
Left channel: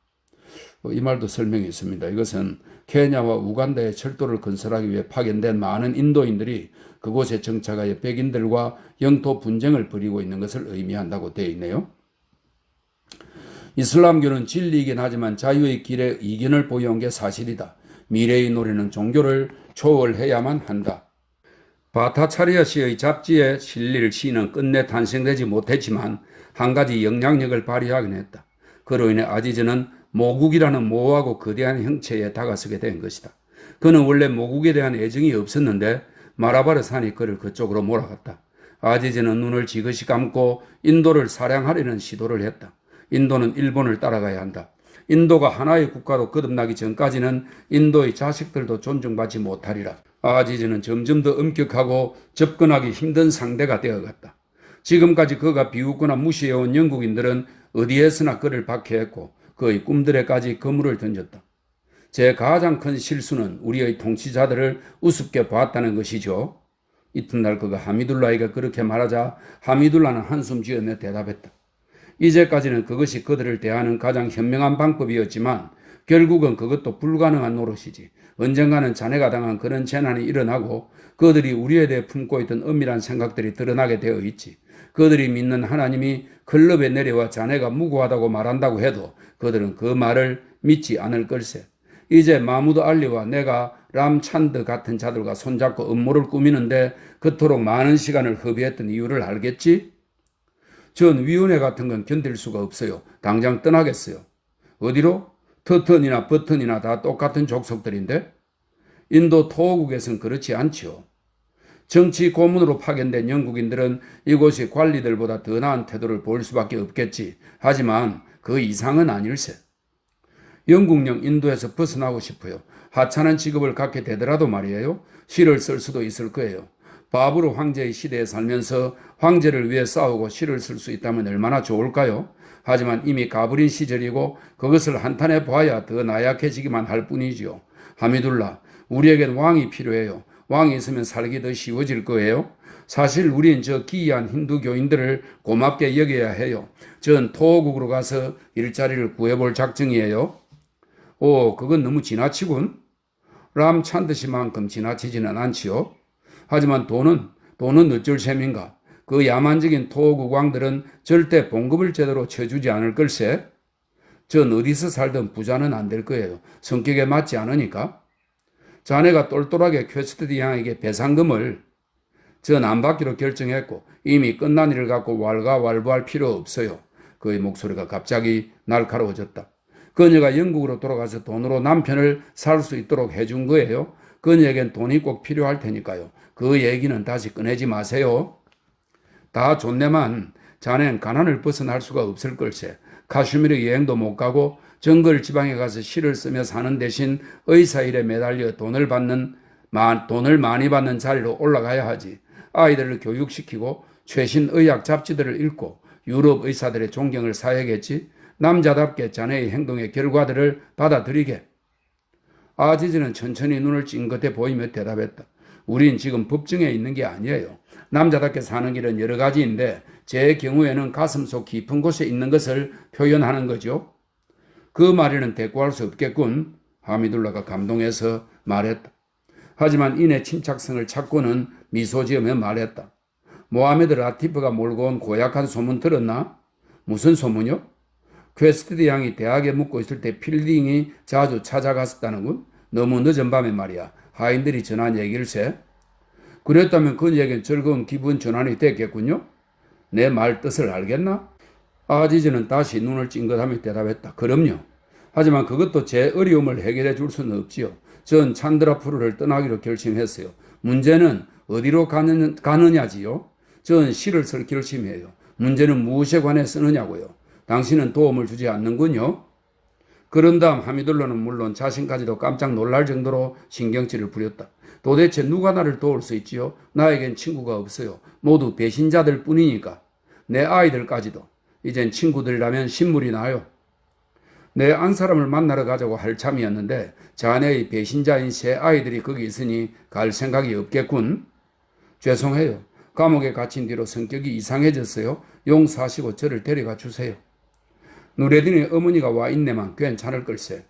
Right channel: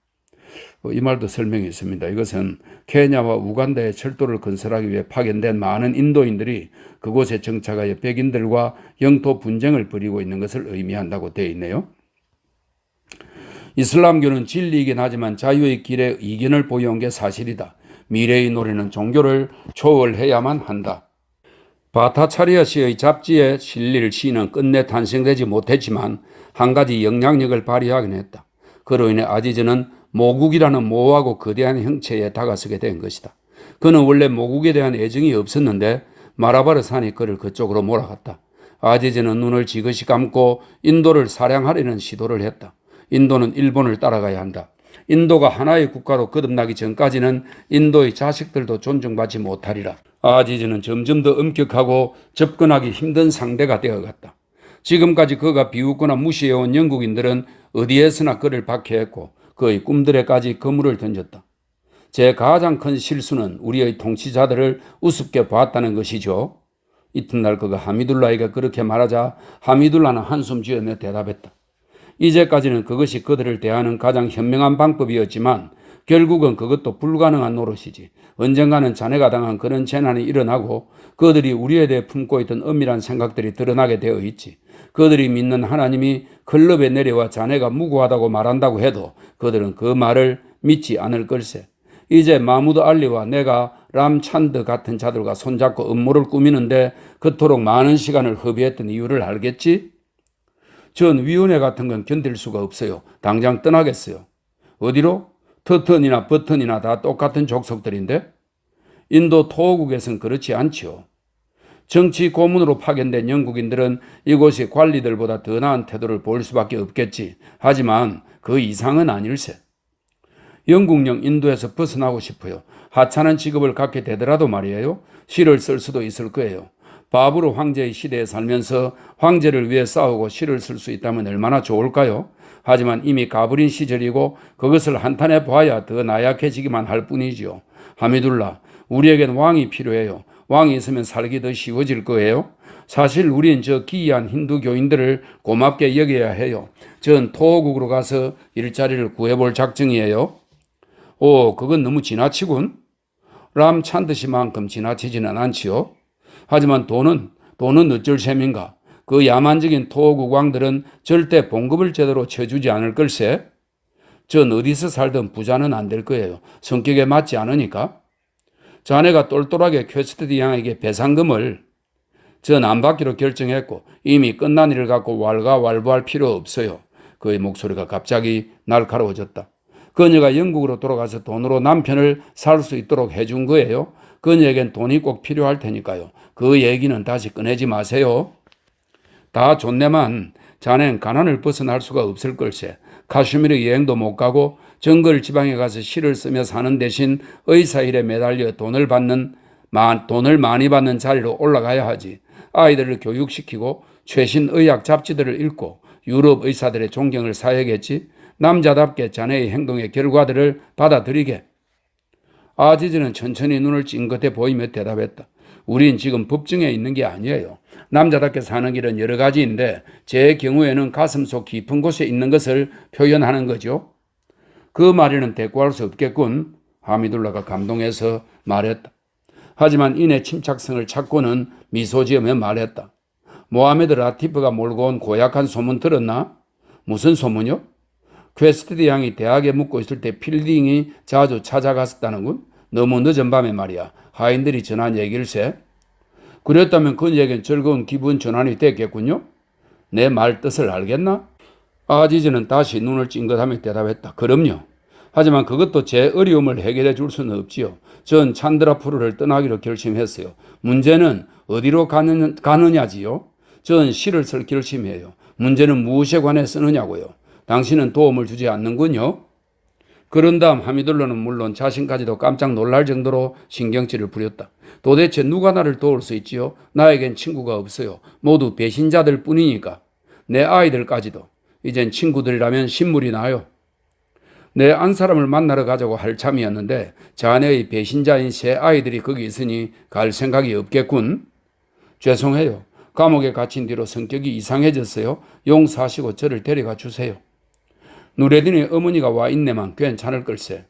이 말도 설명이 있습니다. 이것은 케냐와 우간다에 철도를 건설하기 위해 파견된 많은 인도인들이 그곳에 정착하여 백인들과 영토 분쟁을 벌이고 있는 것을 의미한다고 되어 있네요. 이슬람교는 진리이긴 하지만 자유의 길에 이견을 보여온 게 사실이다. 미래의 노래는 종교를 초월해야만 한다. 바타차리아 씨의 잡지에 실릴 시는 끝내 탄생되지 못했지만 한 가지 영향력을 발휘하긴 했다. 그로 인해 아지즈는 모국이라는 모호하고 거대한 형체에 다가서게 된 것이다. 그는 원래 모국에 대한 애정이 없었는데 마라바르 산이 그를 그쪽으로 몰아갔다. 아지즈는 눈을 지그시 감고 인도를 사냥하려는 시도를 했다. 인도는 일본을 따라가야 한다. 인도가 하나의 국가로 거듭나기 전까지는 인도의 자식들도 존중받지 못하리라. 아지즈는 점점 더 엄격하고 접근하기 힘든 상대가 되어갔다. 지금까지 그가 비웃거나 무시해온 영국인들은 어디에서나 그를 박해했고 그의 꿈들에까지 그물을 던졌다. 제 가장 큰 실수는 우리의 통치자들을 우습게 봤다는 것이죠. 이튿날 그가 하미둘라에게 그렇게 말하자 하미둘라는 한숨 지으며 대답했다. 이제까지는 그것이 그들을 대하는 가장 현명한 방법이었지만 결국은 그것도 불가능한 노릇이지. 언젠가는 자네가 당한 그런 재난이 일어나고 그들이 우리에 대해 품고 있던 엄밀한 생각들이 드러나게 되어 있지. 그들이 믿는 하나님이 클럽에 내려와 자네가 무고하다고 말한다고 해도 그들은 그 말을 믿지 않을 걸세. 이제 마무드 알리와 내가 람찬드 같은 자들과 손잡고 음모를 꾸미는데 그토록 많은 시간을 허비했던 이유를 알겠지? 전 위원회 같은 건 견딜 수가 없어요. 당장 떠나겠어요. 어디로? 터턴이나 버튼이나 다 똑같은 족속들인데 인도 토호국에선 그렇지 않지요. 정치 고문으로 파견된 영국인들은 이곳의 관리들보다 더 나은 태도를 보일 수밖에 없겠지. 하지만 그 이상은 아닐세. 영국령 인도에서 벗어나고 싶어요. 하찮은 직업을 갖게 되더라도 말이에요. 시를 쓸 수도 있을 거예요. 바브르 황제의 시대에 살면서 황제를 위해 싸우고 시를 쓸 수 있다면 얼마나 좋을까요? 하지만 이미 가버린 시절이고 그것을 한탄해 봐야 더 나약해지기만 할 뿐이지요. 하미둘라, 우리에겐 왕이 필요해요. 왕이 있으면 살기 더 쉬워질 거예요. 사실 우린 저 기이한 힌두 교인들을 고맙게 여겨야 해요. 전 토호국으로 가서 일자리를 구해볼 작정이에요. 오, 그건 너무 지나치군. 람 찬듯이만큼 지나치지는 않지요. 하지만 돈은 어쩔 셈인가. 그 야만적인 토구광들은 절대 봉급을 제대로 쳐주지 않을 걸세. 전 어디서 살든 부자는 안 될 거예요. 성격에 맞지 않으니까. 자네가 똘똘하게 퀘스트디 양에게 배상금을 전 안 받기로 결정했고 이미 끝난 일을 갖고 왈가왈부할 필요 없어요. 그의 목소리가 갑자기 날카로워졌다. 그녀가 영국으로 돌아가서 돈으로 남편을 살 수 있도록 해준 거예요. 그녀에겐 돈이 꼭 필요할 테니까요. 그 얘기는 다시 꺼내지 마세요. 다 좋네만 자넨 가난을 벗어날 수가 없을 걸세. 카슈미르 여행도 못 가고 정글 지방에 가서 시를 쓰며 사는 대신 의사 일에 매달려 돈을 많이 받는 자리로 올라가야 하지. 아이들을 교육시키고 최신 의학 잡지들을 읽고 유럽 의사들의 존경을 사야겠지. 남자답게 자네의 행동의 결과들을 받아들이게. 아지즈는 천천히 눈을 찡긋해 보이며 대답했다. 우린 지금 법정에 있는 게 아니에요. 남자답게 사는 길은 여러 가지인데 제 경우에는 가슴속 깊은 곳에 있는 것을 표현하는 거죠. 그 말에는 대꾸할 수 없겠군. 하미둘라가 감동해서 말했다. 하지만 이내 침착성을 찾고는 미소 지으며 말했다. 모하메드 라티프가 몰고 온 고약한 소문 들었나? 무슨 소문요? 퀘스트디 양이 대학에 묵고 있을 때 필딩이 자주 찾아갔었다는군. 너무 늦은 밤에 말이야. 하인들이 전한 얘기일세. 그랬다면 그녀에겐 즐거운 기분 전환이 됐겠군요. 내 말 뜻을 알겠나? 아지즈는 다시 눈을 찡긋하며 대답했다. 그럼요. 하지만 그것도 제 어려움을 해결해 줄 수는 없지요. 전 찬드라푸르를 떠나기로 결심했어요. 문제는 어디로 가느냐지요. 전 시를 쓸 결심이에요. 문제는 무엇에 관해 쓰느냐고요. 당신은 도움을 주지 않는군요. 그런 다음 하미둘라는 물론 자신까지도 깜짝 놀랄 정도로 신경질을 부렸다. 도대체 누가 나를 도울 수 있지요? 나에겐 친구가 없어요. 모두 배신자들 뿐이니까. 내 아이들까지도. 이젠 친구들이라면 신물이 나요. 내 안사람을 만나러 가자고 할 참이었는데 자네의 배신자인 새 아이들이 거기 있으니 갈 생각이 없겠군. 죄송해요. 감옥에 갇힌 뒤로 성격이 이상해졌어요. 용서하시고 저를 데려가 주세요. 누레딘의 어머니가 와 있네만 괜찮을 걸세.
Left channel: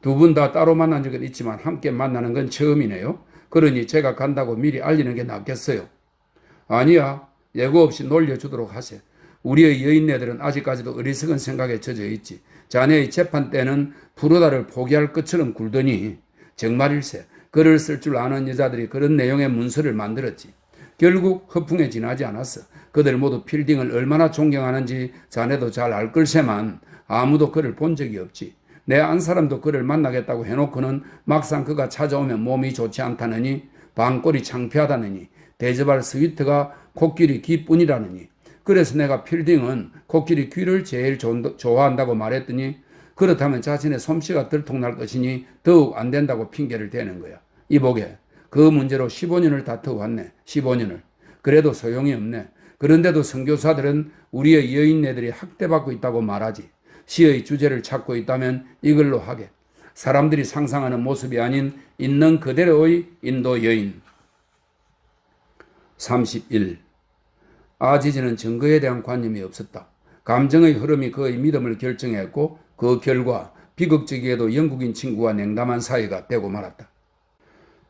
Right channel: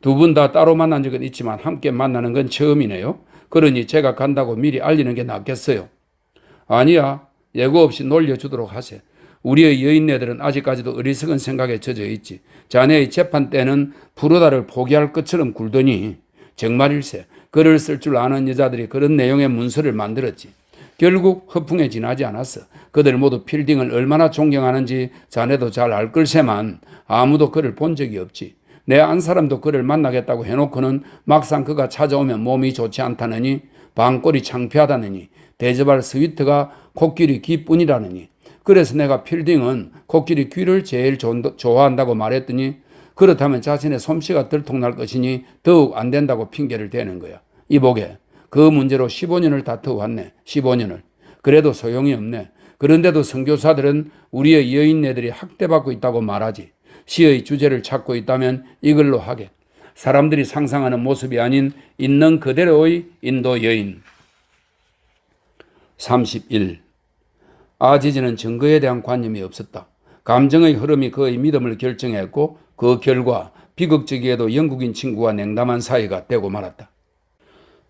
두 분 다 따로 만난 적은 있지만 함께 만나는 건 처음이네요. 그러니 제가 간다고 미리 알리는 게 낫겠어요. 아니야. 예고 없이 놀려주도록 하세. 우리의 여인네들은 아직까지도 어리석은 생각에 젖어 있지. 자네의 재판 때는 프로다를 포기할 것처럼 굴더니 정말일세. 글을 쓸 줄 아는 여자들이 그런 내용의 문서를 만들었지. 결국 허풍에 지나지 않았어. 그들 모두 필딩을 얼마나 존경하는지 자네도 잘 알 걸세만 아무도 그를 본 적이 없지. 내 안사람도 그를 만나겠다고 해놓고는 막상 그가 찾아오면 몸이 좋지 않다느니 방골이 창피하다느니 대접할 스위트가 코끼리 귀뿐이라느니 그래서 내가 필딩은 코끼리 귀를 제일 좋아한다고 말했더니 그렇다면 자신의 솜씨가 들통날 것이니 더욱 안 된다고 핑계를 대는 거야. 이보게. 그 문제로 15년을 다투어왔네. 15년을. 그래도 소용이 없네. 그런데도 선교사들은 우리의 여인네들이 학대받고 있다고 말하지. 시의 주제를 찾고 있다면 이걸로 하게. 사람들이 상상하는 모습이 아닌 있는 그대로의 인도 여인. 31. 아지즈는 증거에 대한 관념이 없었다. 감정의 흐름이 그의 믿음을 결정했고 그 결과 비극적이게도 영국인 친구와 냉담한 사이가 되고 말았다.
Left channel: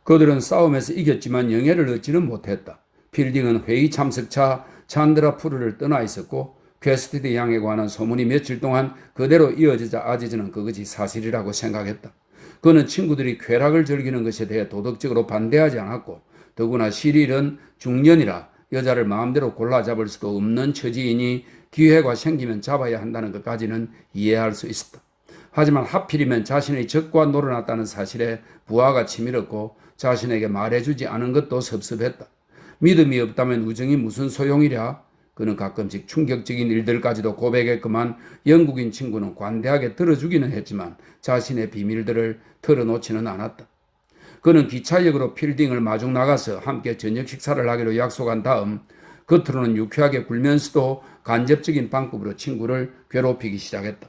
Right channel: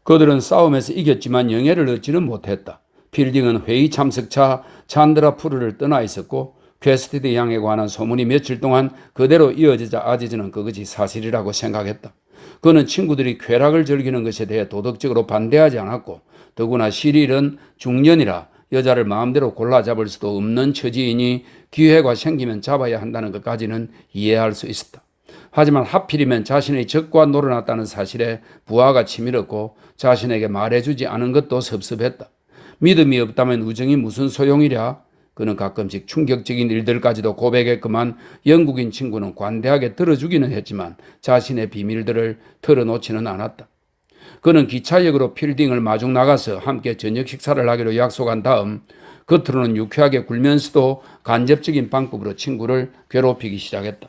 그들은 싸움에서 이겼지만 영예를 얻지는 못했다. 필딩은 회의 참석차 찬드라푸르를 떠나 있었고 퀘스트디 양에 관한 소문이 며칠 동안 그대로 이어지자 아지즈는 그것이 사실이라고 생각했다. 그는 친구들이 쾌락을 즐기는 것에 대해 도덕적으로 반대하지 않았고 더구나 시릴은 중년이라 여자를 마음대로 골라 잡을 수도 없는 처지이니 기회가 생기면 잡아야 한다는 것까지는 이해할 수 있었다. 하지만 하필이면 자신의 적과 놀아났다는 사실에 부하가 치밀었고 자신에게 말해주지 않은 것도 섭섭했다. 믿음이 없다면 우정이 무슨 소용이랴. 그는 가끔씩 충격적인 일들까지도 고백했구만 영국인 친구는 관대하게 들어주기는 했지만 자신의 비밀들을 털어놓지는 않았다. 그는 기차역으로 필딩을 마중 나가서 함께 저녁 식사를 하기로 약속한 다음 겉으로는 유쾌하게 굴면서도 간접적인 방법으로 친구를 괴롭히기 시작했다.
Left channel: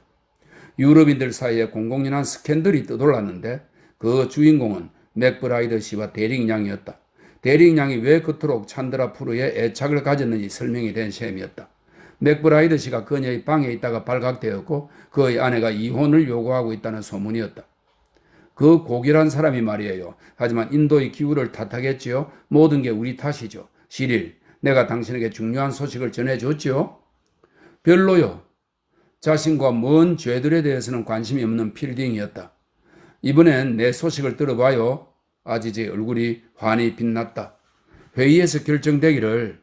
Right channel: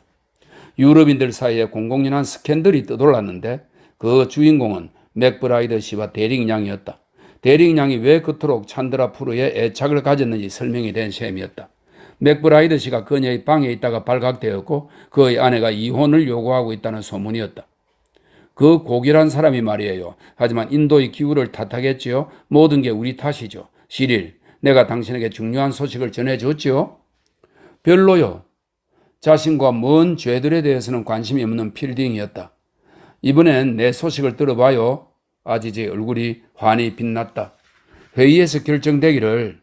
유럽인들 사이에 공공연한 스캔들이 떠돌랐는데 그 주인공은 맥브라이더 씨와 대링양이었다. 대링양이 왜 그토록 찬드라푸르에 애착을 가졌는지 설명이 된 셈이었다. 맥브라이더 씨가 그녀의 방에 있다가 발각되었고 그의 아내가 이혼을 요구하고 있다는 소문이었다. 그 고결한 사람이 말이에요. 하지만 인도의 기후를 탓하겠지요. 모든 게 우리 탓이죠. 시릴, 내가 당신에게 중요한 소식을 전해줬지요. 별로요. 자신과 먼 죄들에 대해서는 관심이 없는 필딩이었다. 이번엔 내 소식을 들어봐요. 아지즈의 얼굴이 환히 빛났다. 회의에서 결정되기를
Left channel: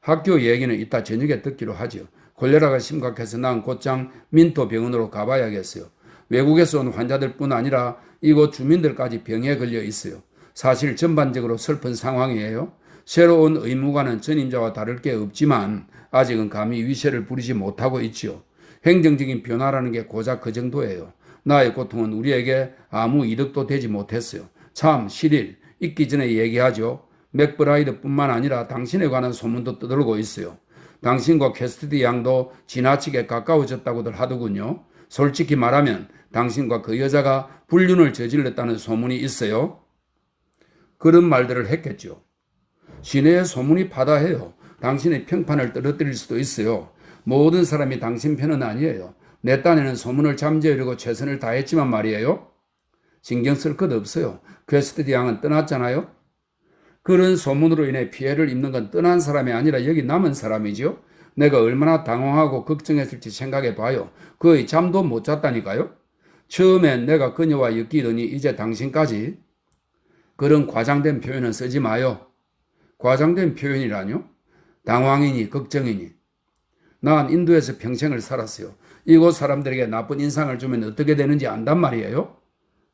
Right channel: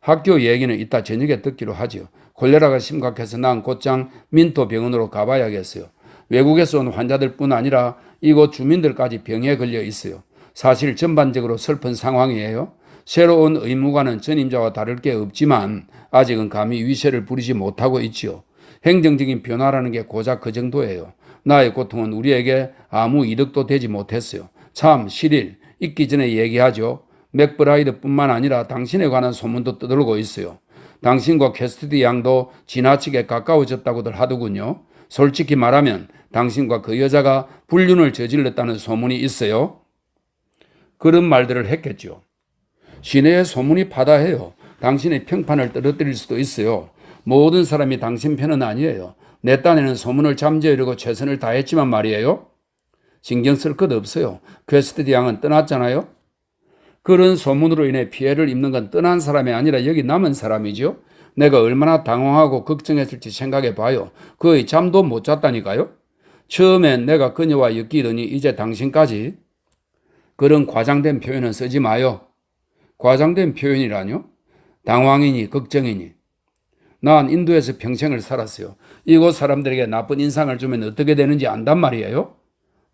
학교 얘기는 이따 저녁에 듣기로 하죠. 콜레라가 심각해서 난 곧장 민토 병원으로 가봐야겠어요. 외국에서 온 환자들뿐 아니라 이곳 주민들까지 병에 걸려 있어요. 사실 전반적으로 슬픈 상황이에요. 새로운 의무관은 전임자와 다를 게 없지만 아직은 감히 위세를 부리지 못하고 있지요. 행정적인 변화라는 게 고작 그 정도예요. 나의 고통은 우리에게 아무 이득도 되지 못했어요. 참 실일 있기 전에 얘기하죠. 맥브라이드뿐만 아니라 당신에 관한 소문도 떠들고 있어요. 당신과 캐스티디 양도 지나치게 가까워졌다고들 하더군요. 솔직히 말하면 당신과 그 여자가 불륜을 저질렀다는 소문이 있어요. 그런 말들을 했겠죠. 시내의 소문이 바다해요. 당신의 평판을 떨어뜨릴 수도 있어요. 모든 사람이 당신 편은 아니에요. 내 딴에는 소문을 잠재우려고 최선을 다했지만 말이에요. 신경 쓸 것 없어요. 퀘스트디 양은 떠났잖아요. 그런 소문으로 인해 피해를 입는 건 떠난 사람이 아니라 여기 남은 사람이죠. 내가 얼마나 당황하고 걱정했을지 생각해 봐요. 거의 잠도 못 잤다니까요. 처음엔 내가 그녀와 엮이더니 이제 당신까지. 그런 과장된 표현은 쓰지 마요. 과장된 표현이라뇨? 당황이니 걱정이니. 난 인도에서 평생을 살았어요. 이곳 사람들에게 나쁜 인상을 주면 어떻게 되는지 안단 말이에요.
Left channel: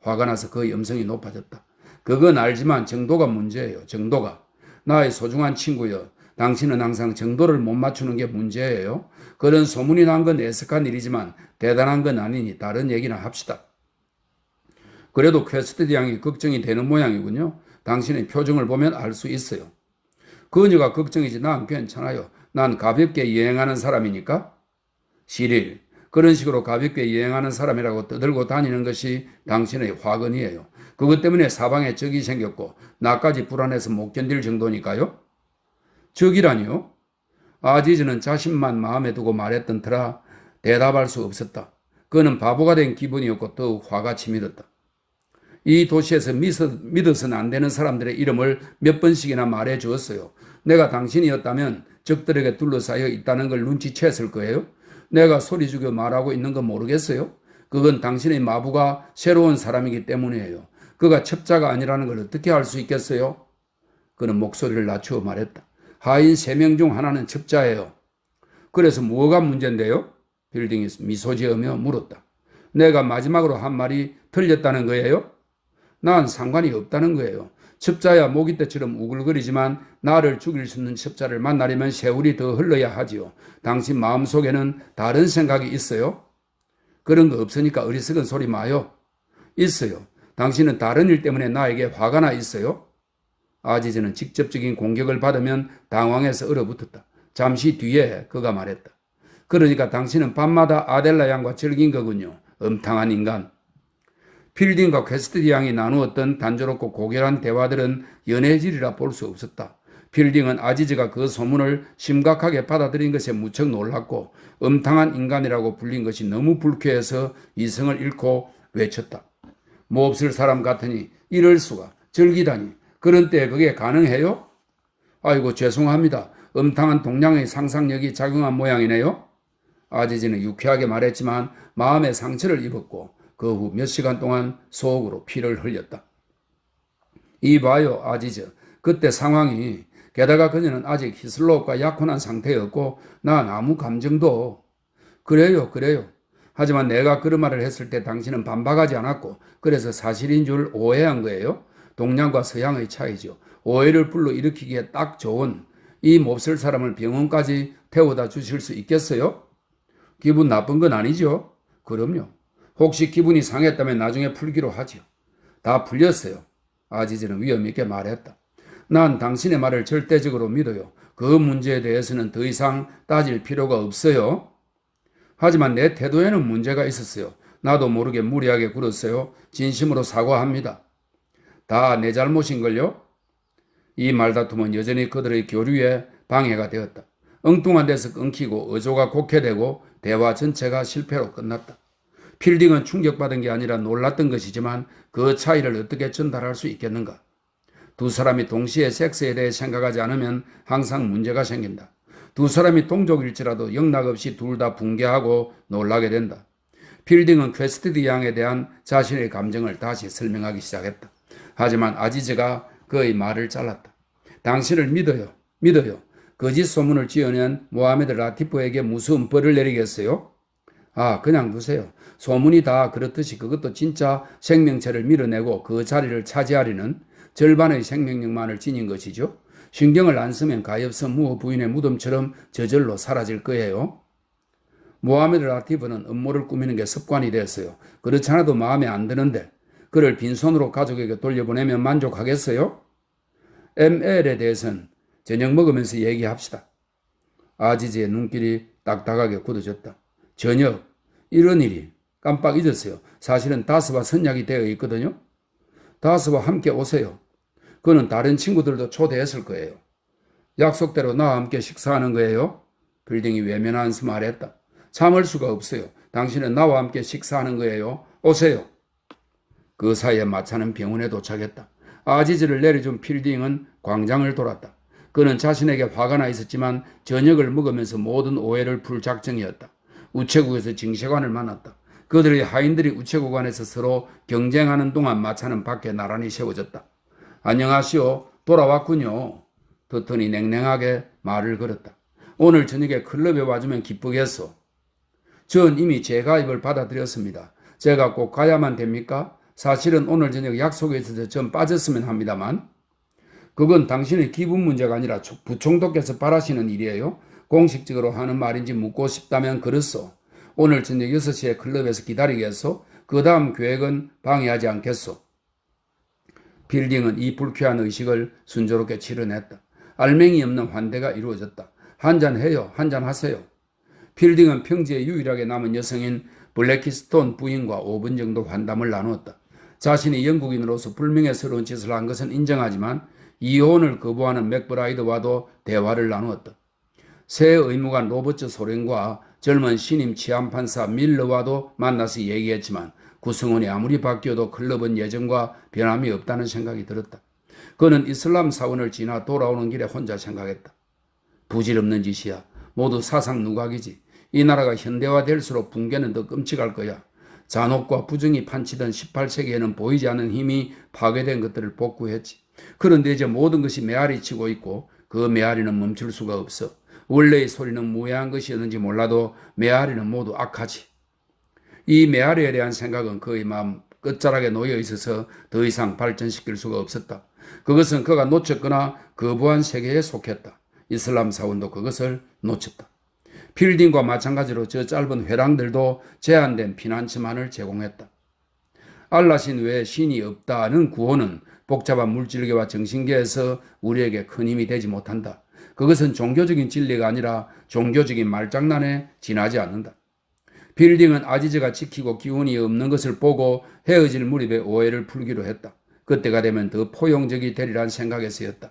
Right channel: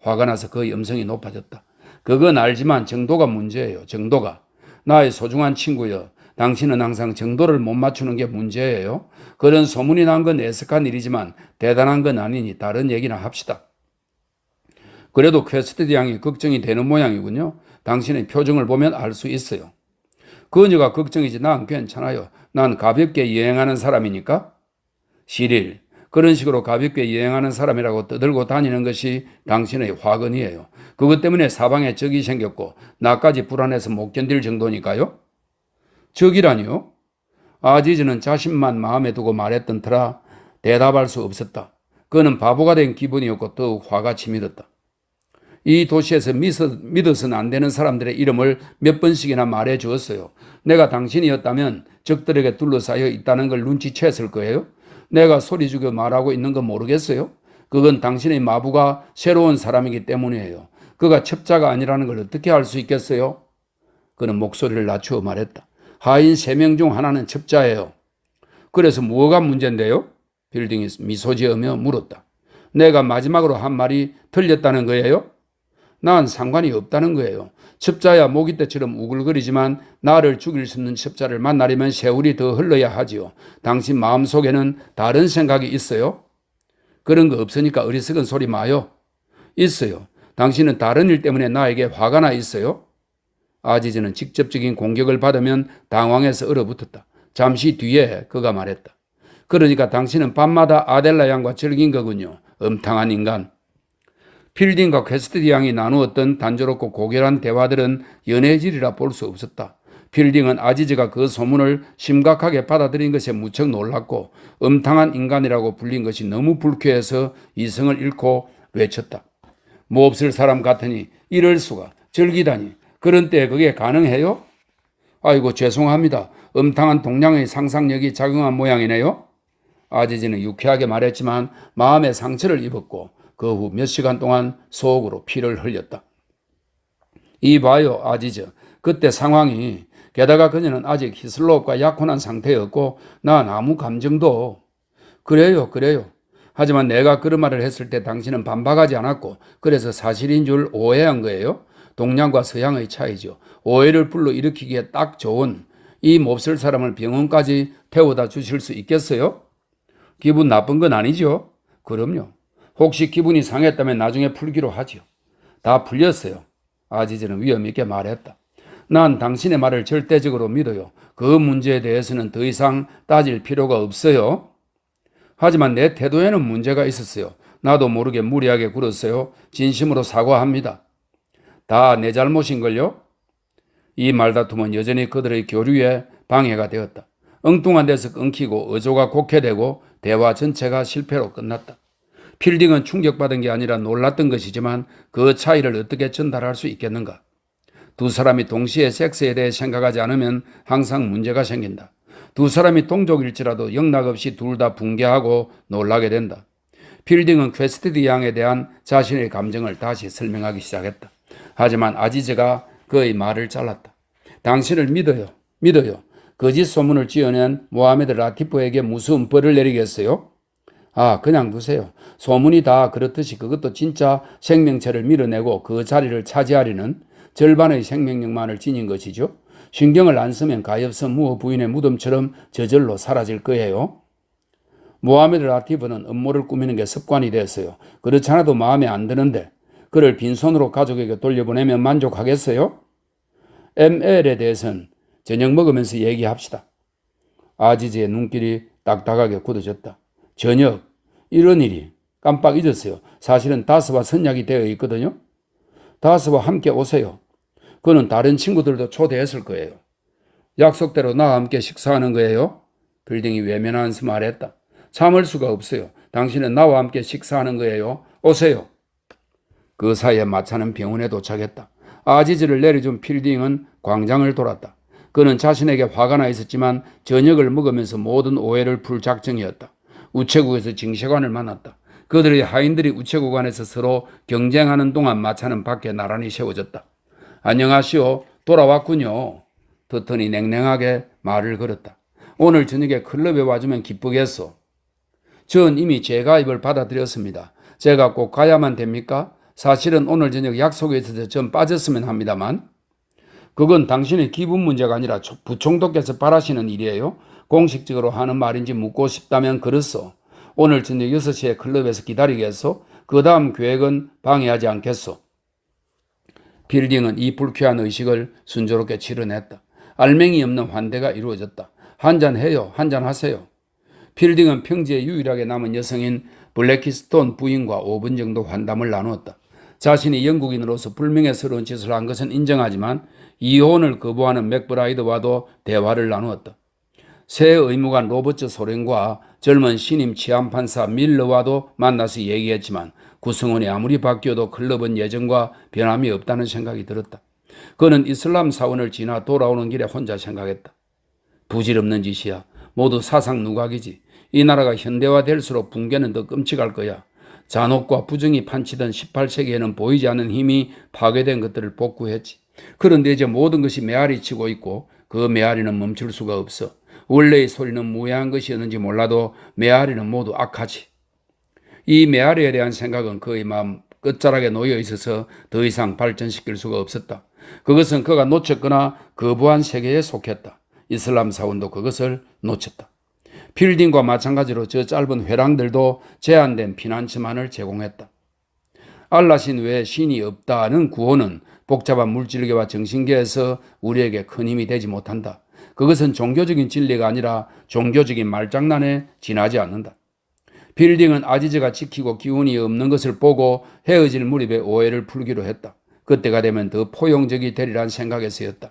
화가 나서 그 음성이 높아졌다. 그건 알지만 정도가 문제예요. 정도가. 나의 소중한 친구여. 당신은 항상 정도를 못 맞추는 게 문제예요. 그런 소문이 난 건 애석한 일이지만 대단한 건 아니니 다른 얘기나 합시다. 그래도 퀘스트디 양이 걱정이 되는 모양이군요. 당신의 표정을 보면 알 수 있어요. 그녀가 걱정이지 난 괜찮아요. 난 가볍게 여행하는 사람이니까. 시릴, 그런 식으로 가볍게 여행하는 사람이라고 떠들고 다니는 것이 당신의 화근이에요. 그것 때문에 사방에 적이 생겼고 나까지 불안해서 못 견딜 정도니까요. 적이라니요? 아지즈는 자신만 마음에 두고 말했던 터라 대답할 수 없었다. 그는 바보가 된 기분이었고 더욱 화가 치밀었다. 이 도시에서 믿어서는 안 되는 사람들의 이름을 몇 번씩이나 말해 주었어요. 내가 당신이었다면 적들에게 둘러싸여 있다는 걸 눈치챘을 거예요. 내가 소리 죽여 말하고 있는 건 모르겠어요. 그건 당신의 마부가 새로운 사람이기 때문이에요. 그가 첩자가 아니라는 걸 어떻게 알 수 있겠어요? 그는 목소리를 낮추어 말했다. 하인 3명 중 하나는 첩자예요. 그래서 뭐가 문제인데요? 빌딩이 미소 지으며 물었다. 내가 마지막으로 한 말이 틀렸다는 거예요? 난 상관이 없다는 거예요. 첩자야 모기 떼처럼 우글거리지만 나를 죽일 수 있는 첩자를 만나려면 세월이 더 흘러야 하지요. 당신 마음속에는 다른 생각이 있어요? 그런 거 없으니까 어리석은 소리 마요. 있어요. 당신은 다른 일 때문에 나에게 화가 나 있어요? 아지즈는 직접적인 공격을 받으면 당황해서 얼어붙었다. 잠시 뒤에 그가 말했다. 그러니까 당신은 밤마다 아델라 양과 즐긴 거군요. 음탕한 인간. 필딩과 퀘스트디 양이 나누었던 단조롭고 고결한 대화들은 연애질이라 볼 수 없었다. 필딩은 아지즈가 그 소문을 심각하게 받아들인 것에 무척 놀랐고 음탕한 인간이라고 불린 것이 너무 불쾌해서 이성을 잃고 외쳤다. 몹쓸 사람 같으니 이럴 수가 즐기다니 그런 때에 그게 가능해요? 아이고 죄송합니다. 음탕한 동양의 상상력이 작용한 모양이네요. 아지즈는 유쾌하게 말했지만 마음의 상처를 입었고 그 후 몇 시간 동안 속으로 피를 흘렸다. 이봐요 아지즈. 그때 상황이 게다가 그녀는 아직 히슬롭과 약혼한 상태였고 난 아무 감정도. 그래요. 하지만 내가 그런 말을 했을 때 당신은 반박하지 않았고 그래서 사실인 줄 오해한 거예요. 동양과 서양의 차이죠. 오해를 불러일으키기에 딱 좋은 이 몹쓸 사람을 병원까지 태워다 주실 수 있겠어요? 기분 나쁜 건 아니죠? 그럼요. 혹시 기분이 상했다면 나중에 풀기로 하죠. 다 풀렸어요. 아지즈는 위험 있게 말했다. 난 당신의 말을 절대적으로 믿어요. 그 문제에 대해서는 더 이상 따질 필요가 없어요. 하지만 내 태도에는 문제가 있었어요. 나도 모르게 무리하게 굴었어요. 진심으로 사과합니다. 다 내 잘못인걸요? 이 말다툼은 여전히 그들의 교류에 방해가 되었다. 엉뚱한 데서 끊기고 어조가 곡해되고 대화 전체가 실패로 끝났다. 필딩은 충격받은 게 아니라 놀랐던 것이지만 그 차이를 어떻게 전달할 수 있겠는가? 두 사람이 동시에 섹스에 대해 생각하지 않으면 항상 문제가 생긴다. 두 사람이 동족일지라도 영락없이 둘 다 붕괴하고 놀라게 된다. 필딩은 퀘스티드 양에 대한 자신의 감정을 다시 설명하기 시작했다. 하지만 아지즈가 그의 말을 잘랐다. 당신을 믿어요. 믿어요. 거짓 소문을 지어낸 모하메드 라티프에게 무슨 벌을 내리겠어요? 아, 그냥 두세요. 소문이 다 그렇듯이 그것도 진짜 생명체를 밀어내고 그 자리를 차지하려는 절반의 생명력만을 지닌 것이죠. 신경을 안 쓰면 가엾은 무어 부인의 무덤처럼 저절로 사라질 거예요. 모하메드 라티프는 음모를 꾸미는 게 습관이 됐어요. 그렇지 않아도 마음에 안 드는데 그를 빈손으로 가족에게 돌려보내면 만족하겠어요? ML에 대해서는 저녁 먹으면서 얘기합시다. 아지즈의 눈길이 딱딱하게 굳어졌다. 저녁, 이런 일이 깜빡 잊었어요. 사실은 다스와 선약이 되어 있거든요. 다스와 함께 오세요. 그는 다른 친구들도 초대했을 거예요. 약속대로 나와 함께 식사하는 거예요. 빌딩이 외면하면서 말했다. 참을 수가 없어요. 당신은 나와 함께 식사하는 거예요. 오세요. 그 사이에 마차는 병원에 도착했다. 아지즈를 내려준 필딩은 광장을 돌았다. 그는 자신에게 화가 나 있었지만 저녁을 먹으면서 모든 오해를 풀 작정이었다. 우체국에서 징시관을 만났다. 그들의 하인들이 우체국 안에서 서로 경쟁하는 동안 마차는 밖에 나란히 세워졌다. 안녕하시오. 돌아왔군요. 더턴이 냉랭하게 말을 걸었다. 오늘 저녁에 클럽에 와주면 기쁘겠소. 전 이미 재가입을 받아들였습니다. 제가 꼭 가야만 됩니까? 사실은 오늘 저녁 약속에 있어서 전 빠졌으면 합니다만. 그건 당신의 기분 문제가 아니라 부총독께서 바라시는 일이에요. 공식적으로 하는 말인지 묻고 싶다면 그렇소. 오늘 저녁 6시에 클럽에서 기다리겠소? 그 다음 계획은 방해하지 않겠소. 빌딩은 이 불쾌한 의식을 순조롭게 치러냈다. 알맹이 없는 환대가 이루어졌다. 한잔해요. 한잔하세요. 필딩은 평지에 유일하게 남은 여성인 블랙키스톤 부인과 5분 정도 환담을 나누었다. 자신이 영국인으로서 불명예스러운 짓을 한 것은 인정하지만 이혼을 거부하는 맥브라이드와도 대화를 나누었다. 새 의무관 로버트 소렌과 젊은 신임 치안판사 밀러와도 만나서 얘기했지만 구성원이 아무리 바뀌어도 클럽은 예전과 변함이 없다는 생각이 들었다. 그는 이슬람 사원을 지나 돌아오는 길에 혼자 생각했다. 부질없는 짓이야. 모두 사상 누각이지. 이 나라가 현대화될수록 붕괴는 더 끔찍할 거야. 잔혹과 부정이 판치던 18세기에는 보이지 않는 힘이 파괴된 것들을 복구했지. 그런데 이제 모든 것이 메아리 치고 있고 그 메아리는 멈출 수가 없어. 원래의 소리는 무해한 것이었는지 몰라도 메아리는 모두 악하지. 이 메아리에 대한 생각은 그의 마음 끝자락에 놓여 있어서 더 이상 발전시킬 수가 없었다. 그것은 그가 놓쳤거나 거부한 세계에 속했다. 이슬람 사원도 그것을 놓쳤다. 필딩과 마찬가지로 저 짧은 회랑들도 제한된 피난처만을 제공했다. 알라신 외에 신이 없다는 구호는 복잡한 물질계와 정신계에서 우리에게 큰 힘이 되지 못한다. 그것은 종교적인 진리가 아니라 종교적인 말장난에 지나지 않는다. 빌딩은 아지즈가 지키고 기운이 없는 것을 보고 헤어질 무렵에 오해를 풀기로 했다. 그때가 되면 더 포용적이 되리란 생각에서였다.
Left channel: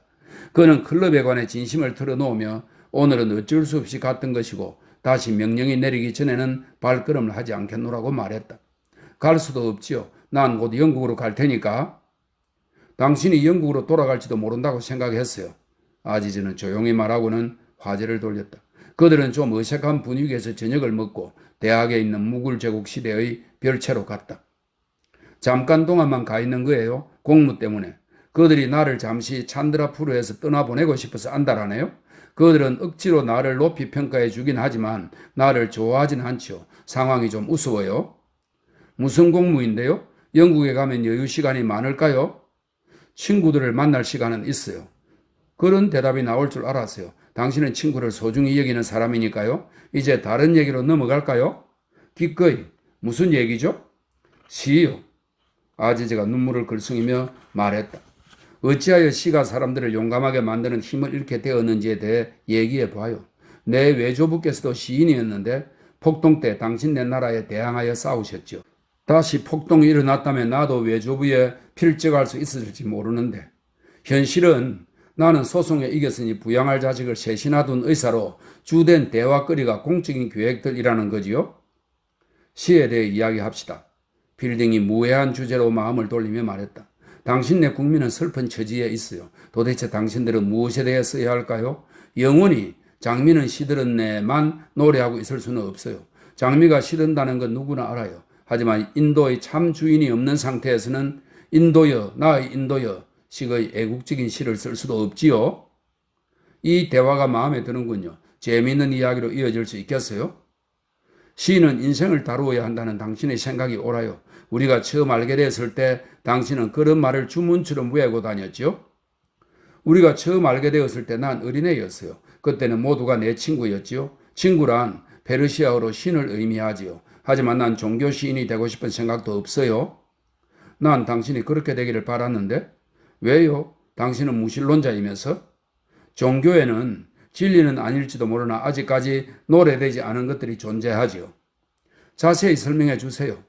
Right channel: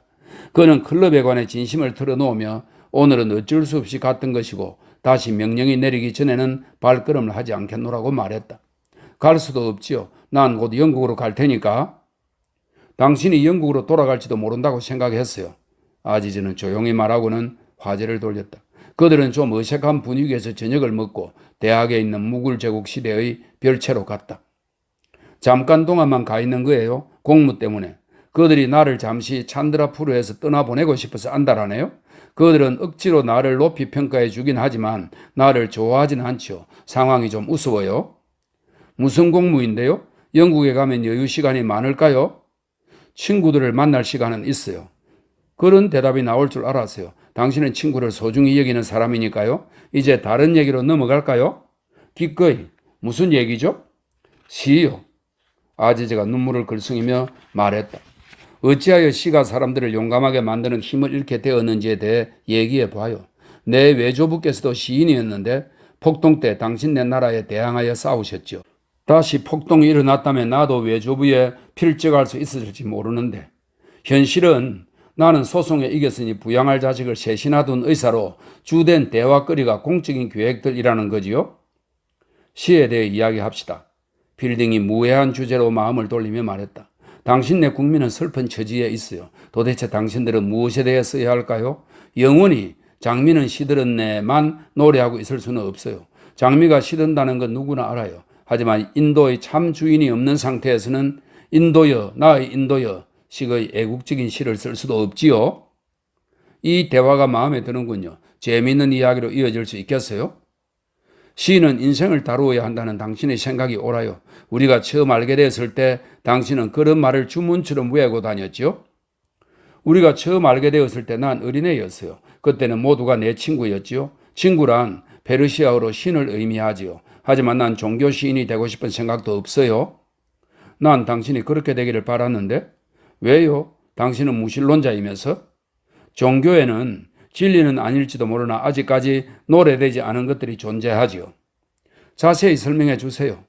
그는 클럽에 관해 진심을 털어놓으며 오늘은 어쩔 수 없이 갔던 것이고 다시 명령이 내리기 전에는 발걸음을 하지 않겠노라고 말했다. 갈 수도 없지요. 난 곧 영국으로 갈 테니까. 당신이 영국으로 돌아갈지도 모른다고 생각했어요. 아지즈는 조용히 말하고는 화제를 돌렸다. 그들은 좀 어색한 분위기에서 저녁을 먹고 대학에 있는 무굴 제국 시대의 별채로 갔다. 잠깐 동안만 가 있는 거예요. 공무 때문에. 그들이 나를 잠시 찬드라푸르에서 떠나보내고 싶어서 안달하네요. 그들은 억지로 나를 높이 평가해 주긴 하지만 나를 좋아하진 않죠. 상황이 좀 우스워요. 무슨 공무인데요? 영국에 가면 여유 시간이 많을까요? 친구들을 만날 시간은 있어요. 그런 대답이 나올 줄 알았어요. 당신은 친구를 소중히 여기는 사람이니까요. 이제 다른 얘기로 넘어갈까요? 기꺼이. 무슨 얘기죠? 시요. 아지즈가 눈물을 글썽이며 말했다. 어찌하여 시가 사람들을 용감하게 만드는 힘을 잃게 되었는지에 대해 얘기해 봐요. 내 외조부께서도 시인이었는데 폭동 때 당신네 나라에 대항하여 싸우셨죠. 다시 폭동이 일어났다면 나도 외조부에 필적할 수 있었을지 모르는데 현실은 나는 소송에 이겼으니 부양할 자식을 셋이나 둔 의사로 주된 대화거리가 공적인 계획들이라는 거지요. 시에 대해 이야기합시다. 필딩이 무해한 주제로 마음을 돌리며 말했다. 당신네 국민은 슬픈 처지에 있어요. 도대체 당신들은 무엇에 대해 써야 할까요? 영원히 장미는 시들었네만 노래하고 있을 수는 없어요. 장미가 시든다는 건 누구나 알아요. 하지만 인도의 참 주인이 없는 상태에서는 인도여, 나의 인도여 식의 애국적인 시를 쓸 수도 없지요. 이 대화가 마음에 드는군요. 재미있는 이야기로 이어질 수 있겠어요? 시는 인생을 다루어야 한다는 당신의 생각이 옳아요. 우리가 처음 알게 됐을 때 당신은 그런 말을 주문처럼 외우고 다녔죠. 우리가 처음 알게 되었을 때 난 어린애였어요. 그때는 모두가 내 친구였지요. 친구란 페르시아어로 신을 의미하지요. 하지만 난 종교 시인이 되고 싶은 생각도 없어요. 난 당신이 그렇게 되기를 바랐는데 왜요? 당신은 무신론자이면서? 종교에는 진리는 아닐지도 모르나 아직까지 노래되지 않은 것들이 존재하지요. 자세히 설명해 주세요.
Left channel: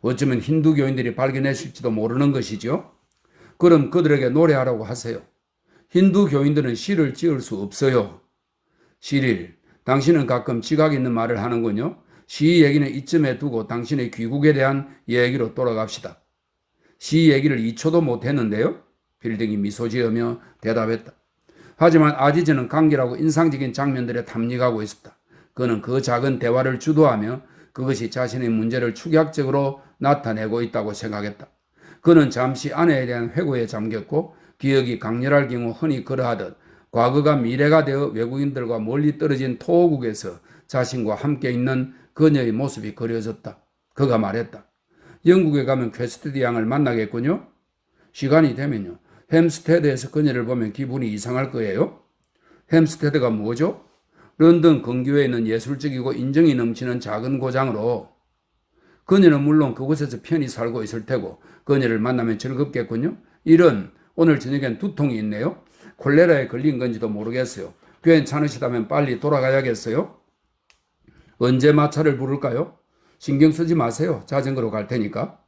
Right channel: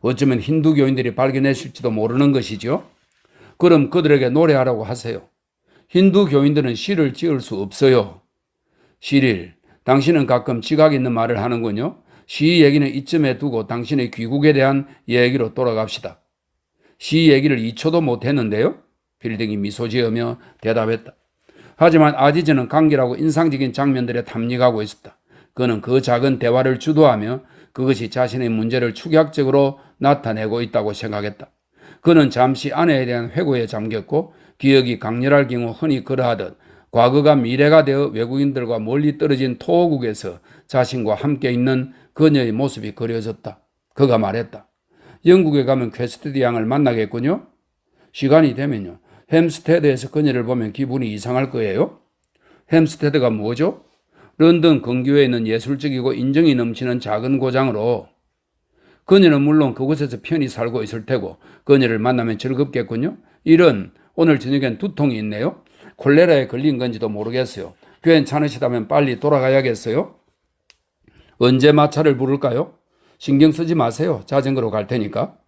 어쩌면 힌두교인들이 발견했을지도 모르는 것이죠. 그럼 그들에게 노래하라고 하세요. 힌두교인들은 시를 지을 수 없어요. 시릴, 당신은 가끔 지각 있는 말을 하는군요. 시 얘기는 이쯤에 두고 당신의 귀국에 대한 얘기로 돌아갑시다. 시 얘기를 2초도 못했는데요. 필딩이 미소 지으며 대답했다. 하지만 아지즈는 강렬하고 인상적인 장면들에 탐닉하고 있었다. 그는 그 작은 대화를 주도하며 그것이 자신의 문제를 축약적으로 나타내고 있다고 생각했다. 그는 잠시 아내에 대한 회고에 잠겼고 기억이 강렬할 경우 흔히 그러하듯 과거가 미래가 되어 외국인들과 멀리 떨어진 토호국에서 자신과 함께 있는 그녀의 모습이 그려졌다. 그가 말했다. 영국에 가면 퀘스트디 양을 만나겠군요. 시간이 되면요. 햄스테드에서 그녀를 보면 기분이 이상할 거예요. 햄스테드가 뭐죠? 런던 근교에 있는 예술적이고 인정이 넘치는 작은 고장으로 그녀는 물론 그곳에서 편히 살고 있을 테고 그녀를 만나면 즐겁겠군요. 이런 오늘 저녁엔 두통이 있네요. 콜레라에 걸린 건지도 모르겠어요. 괜찮으시다면 빨리 돌아가야겠어요. 언제 마차를 부를까요? 신경 쓰지 마세요. 자전거로 갈 테니까.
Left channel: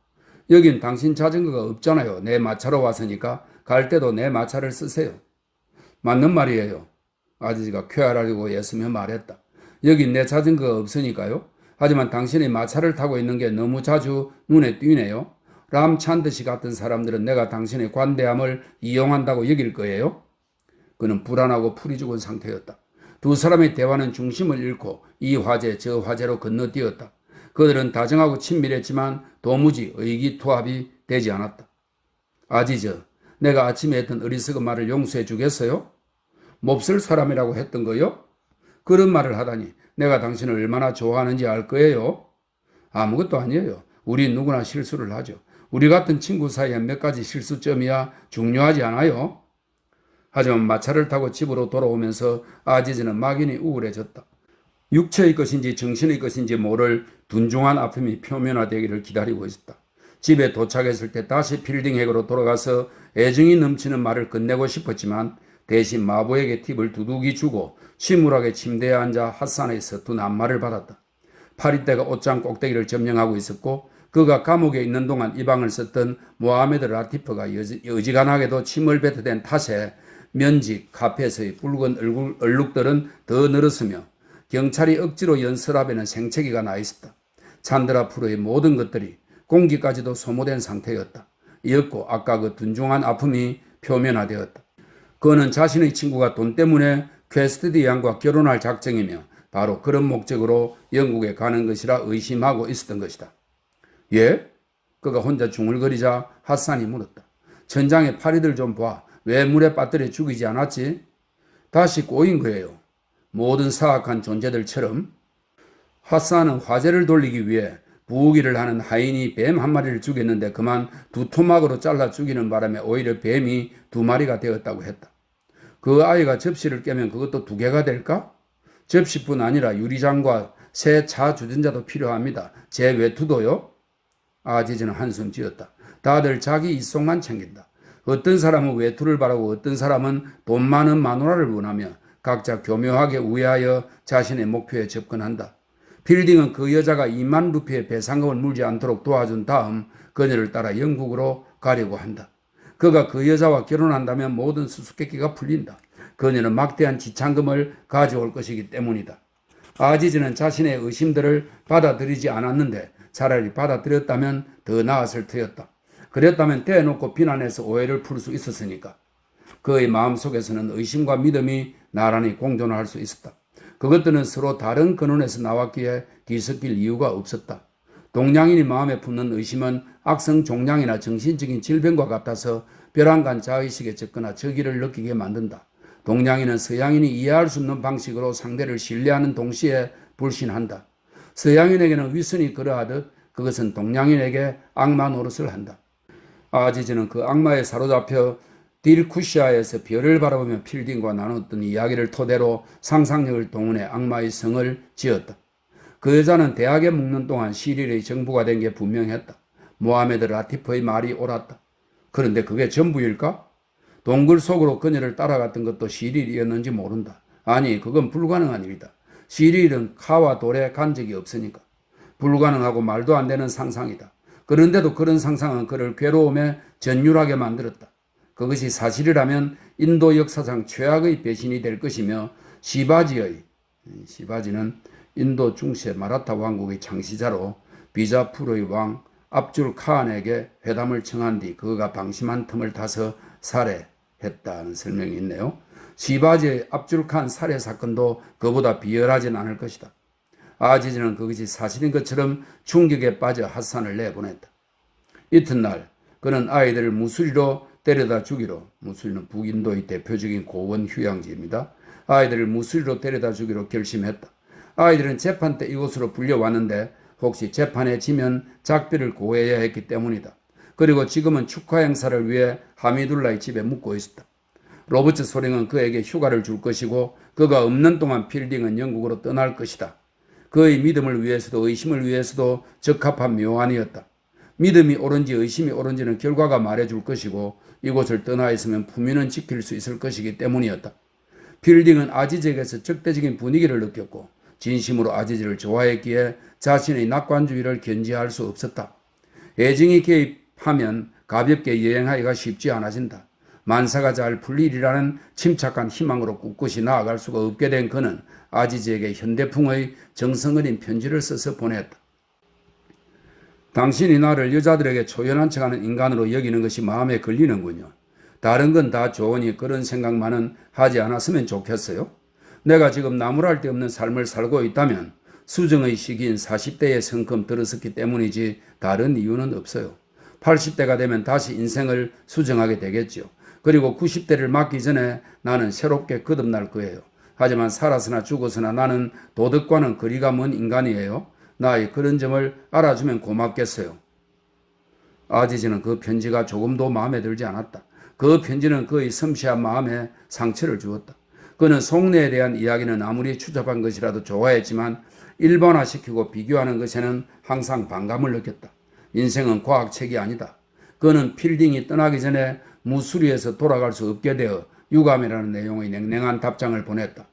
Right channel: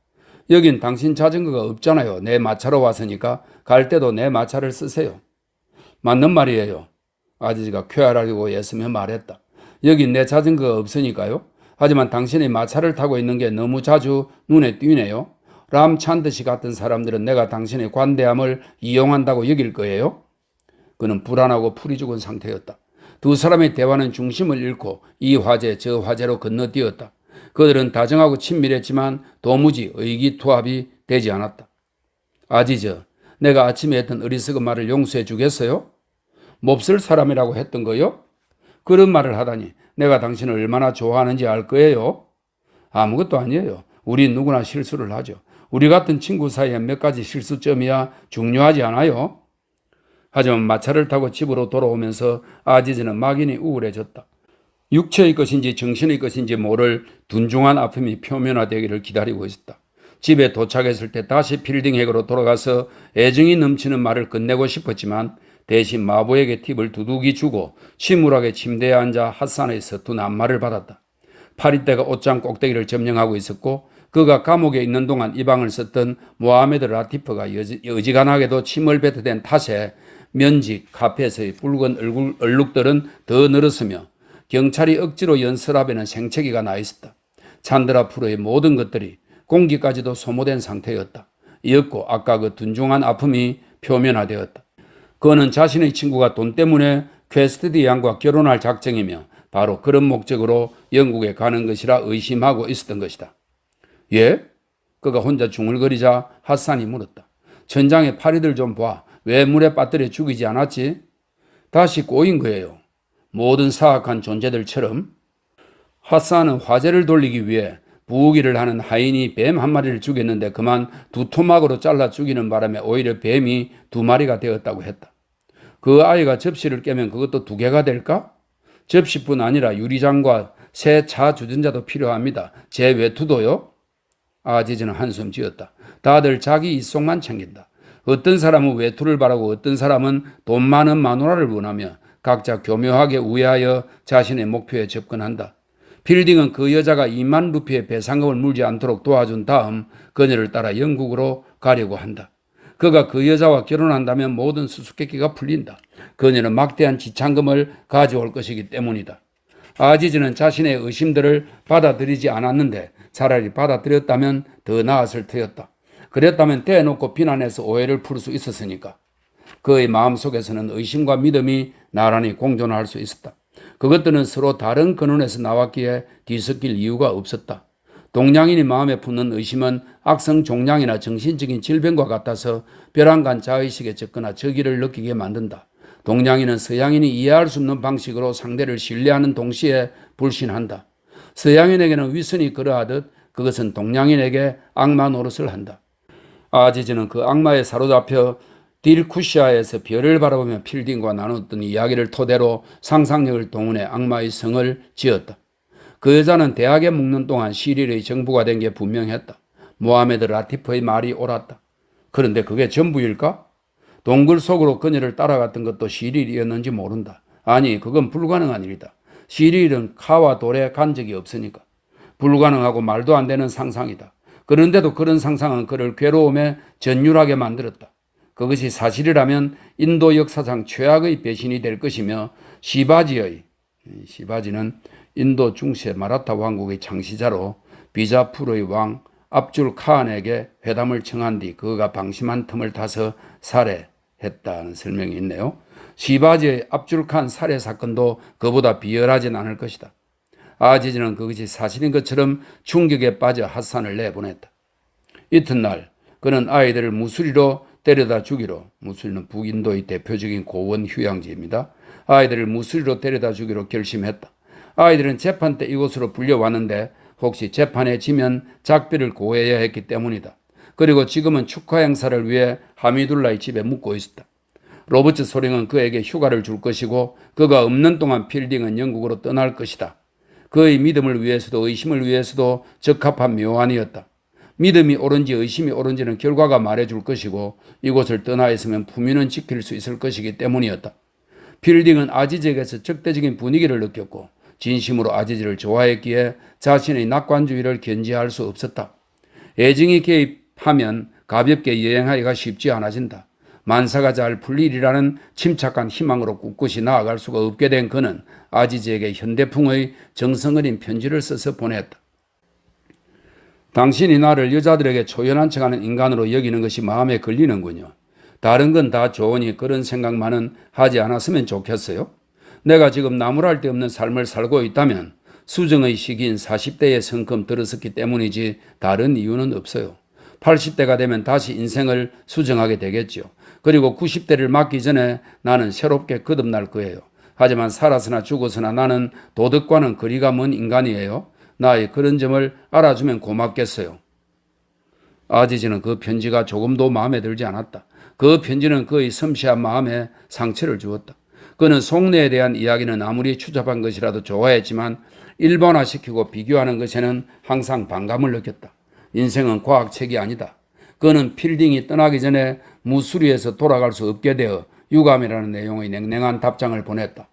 여긴 당신 자전거가 없잖아요. 내 마차로 왔으니까 갈 때도 내 마차를 쓰세요. 맞는 말이에요. 아저씨가 쾌활하려고 애쓰며 말했다. 여긴 내 자전거가 없으니까요. 하지만 당신이 마차를 타고 있는 게 너무 자주 눈에 띄네요. 람찬드시 같은 사람들은 내가 당신의 관대함을 이용한다고 여길 거예요. 그는 불안하고 풀이 죽은 상태였다. 두 사람의 대화는 중심을 잃고 이 화제 저 화제로 건너뛰었다. 그들은 다정하고 친밀했지만 도무지 의기투합이 되지 않았다. 아지저, 내가 아침에 했던 어리석은 말을 용서해 주겠어요? 몹쓸 사람이라고 했던 거요? 그런 말을 하다니 내가 당신을 얼마나 좋아하는지 알 거예요? 아무것도 아니에요. 우리 누구나 실수를 하죠. 우리 같은 친구 사이에 몇 가지 실수점이야 중요하지 않아요. 하지만 마차를 타고 집으로 돌아오면서 아지즈는 막연히 우울해졌다. 육체의 것인지 정신의 것인지 모를 둔중한 아픔이 표면화되기를 기다리고 있었다. 집에 도착했을 때 다시 필딩핵으로 돌아가서 애정이 넘치는 말을 끝내고 싶었지만 대신 마부에게 팁을 두둑이 주고 침울하게 침대에 앉아 핫산의 서툰 안마를 받았다. 파리떼가 옷장 꼭대기를 점령하고 있었고 그가 감옥에 있는 동안 이 방을 썼던 모하메드 라티프가 어지간하게도 침을 뱉어댄 탓에 면직 카페에서의 붉은 얼룩들은 더 늘었으며 경찰이 억지로 연설하에는 생채기가 나 있었다. 찬드라 프로의 모든 것들이 공기까지도 소모된 상태였다. 이었고 아까 그 둔중한 아픔이 표면화되었다. 그는 자신의 친구가 돈 때문에 퀘스트디 양과 결혼할 작정이며 바로 그런 목적으로 영국에 가는 것이라 의심하고 있었던 것이다. 예? 그가 혼자 중얼거리자 핫산이 물었다. 천장에 파리들 좀 봐. 왜 물에 빠뜨려 죽이지 않았지? 다시 꼬인 거예요. 모든 사악한 존재들처럼. 핫산은 화제를 돌리기 위해 부우기를 하는 하인이 뱀 한 마리를 죽였는데 그만 두 토막으로 잘라 죽이는 바람에 오히려 뱀이 두 마리가 되었다고 했다. 그 아이가 접시를 깨면 그것도 두 개가 될까? 접시뿐 아니라 유리장과 새 차 주전자도 필요합니다. 제 외투도요? 아지즈는 한숨 지었다. 다들 자기 입속만 챙긴다. 어떤 사람은 외투를 바라고 어떤 사람은 돈 많은 마누라를 원하며 각자 교묘하게 우회하여 자신의 목표에 접근한다. 필딩은 그 여자가 2만 루피의 배상금을 물지 않도록 도와준 다음 그녀를 따라 영국으로 가려고 한다. 그가 그 여자와 결혼한다면 모든 수수께끼가 풀린다. 그녀는 막대한 지참금을 가져올 것이기 때문이다. 아지즈는 자신의 의심들을 받아들이지 않았는데 차라리 받아들였다면 더 나았을 터였다. 그랬다면 대놓고 비난해서 오해를 풀 수 있었으니까. 그의 마음속에서는 의심과 믿음이 나란히 공존할 수 있었다. 그것들은 서로 다른 근원에서 나왔기에 뒤섞일 이유가 없었다. 동양인이 마음에 품는 의심은 악성 종양이나 정신적인 질병과 같아서 벼랑간 자의식에 적거나 적의를 느끼게 만든다. 동양인은 서양인이 이해할 수 없는 방식으로 상대를 신뢰하는 동시에 불신한다. 서양인에게는 위선이 그러하듯 그것은 동양인에게 악마 노릇을 한다. 아지즈는 그 악마에 사로잡혀 딜쿠시아에서 별을 바라보며 필딩과 나눴던 이야기를 토대로 상상력을 동원해 악마의 성을 지었다. 그 여자는 대학에 묵는 동안 시릴의 정부가 된 게 분명했다. 모하메드 라티프의 말이 옳았다. 그런데 그게 전부일까? 동굴 속으로 그녀를 따라갔던 것도 시릴이었는지 모른다. 아니, 그건 불가능한 일이다. 시릴은 카와 돌에 간 적이 없으니까. 불가능하고 말도 안 되는 상상이다. 그런데도 그런 상상은 그를 괴로움에 전율하게 만들었다. 그것이 사실이라면 인도 역사상 최악의 배신이 될 것이며 시바지는 인도 중세 마라타 왕국의 창시자로 비자푸르의 왕 압줄 칸에게 회담을 청한 뒤 그가 방심한 틈을 타서 살해했다는 설명이 있네요. 시바지의 압줄 칸 살해 사건도 그보다 비열하진 않을 것이다. 아지즈는 그것이 사실인 것처럼 충격에 빠져 핫산을 내보냈다. 이튿날 그는 아이들을 무수리로 데려다 주기로, 무수리는 북인도의 대표적인 고원 휴양지입니다. 아이들을 무수리로 데려다 주기로 결심했다. 아이들은 재판 때 이곳으로 불려왔는데 혹시 재판에 지면 작비를 고해야 했기 때문이다. 그리고 지금은 축하 행사를 위해 하미둘라의 집에 묵고 있었다. 로버트 소링은 그에게 휴가를 줄 것이고 그가 없는 동안 필딩은 영국으로 떠날 것이다. 그의 믿음을 위해서도 의심을 위해서도 적합한 묘안이었다. 믿음이 옳은지 의심이 옳은지는 결과가 말해줄 것이고 이곳을 떠나 있으면 품위는 지킬 수 있을 것이기 때문이었다. 필딩은 아지즈에게서 적대적인 분위기를 느꼈고 진심으로 아지즈를 좋아했기에 자신의 낙관주의를 견지할 수 없었다. 애증이 개입하면 가볍게 여행하기가 쉽지 않아진다. 만사가 잘 풀리리라는 침착한 희망으로 꿋꿋이 나아갈 수가 없게 된 그는 아지즈에게 현대풍의 정성 어린 편지를 써서 보냈다. 당신이 나를 여자들에게 초연한 척하는 인간으로 여기는 것이 마음에 걸리는군요. 다른 건 다 좋으니 그런 생각만은 하지 않았으면 좋겠어요. 내가 지금 나무랄 데 없는 삶을 살고 있다면 수정의 시기인 40대에 성큼 들어섰기 때문이지 다른 이유는 없어요. 80대가 되면 다시 인생을 수정하게 되겠죠. 그리고 90대를 맞기 전에 나는 새롭게 거듭날 거예요. 하지만 살아서나 죽어서나 나는 도덕과는 거리가 먼 인간이에요. 나의 그런 점을 알아주면 고맙겠어요. 아지즈는 그 편지가 조금도 마음에 들지 않았다. 그 편지는 그의 섬세한 마음에 상처를 주었다. 그는 속내에 대한 이야기는 아무리 추잡한 것이라도 좋아했지만 일반화시키고 비교하는 것에는 항상 반감을 느꼈다. 인생은 과학책이 아니다. 그는 필딩이 떠나기 전에 무수리에서 돌아갈 수 없게 되어 유감이라는 내용의 냉랭한 답장을 보냈다.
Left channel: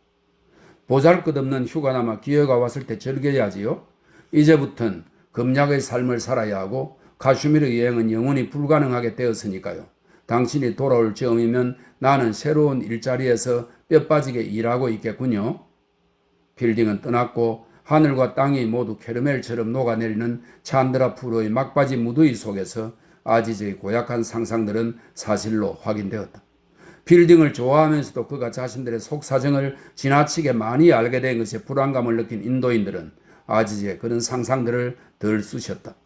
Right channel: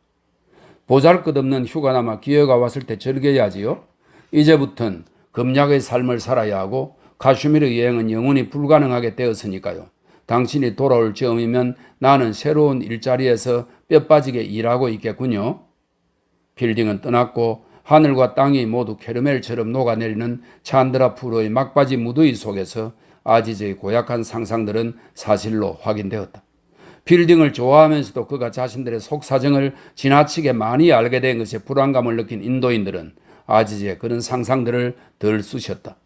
보잘것없는 휴가나마 기회가 왔을 때 즐겨야지요. 이제부턴 금약의 삶을 살아야 하고 카슈미르 여행은 영원히 불가능하게 되었으니까요. 당신이 돌아올 즈음이면 나는 새로운 일자리에서 뼈 빠지게 일하고 있겠군요. 필딩은 떠났고 하늘과 땅이 모두 캐러멜처럼 녹아내리는 찬드라푸르의 막바지 무더위 속에서 아지즈의 고약한 상상들은 사실로 확인되었다. 필딩을 좋아하면서도 그가 자신들의 속사정을 지나치게 많이 알게 된 것에 불안감을 느낀 인도인들은 아지즈의 그런 상상들을 덜 쑤셨다.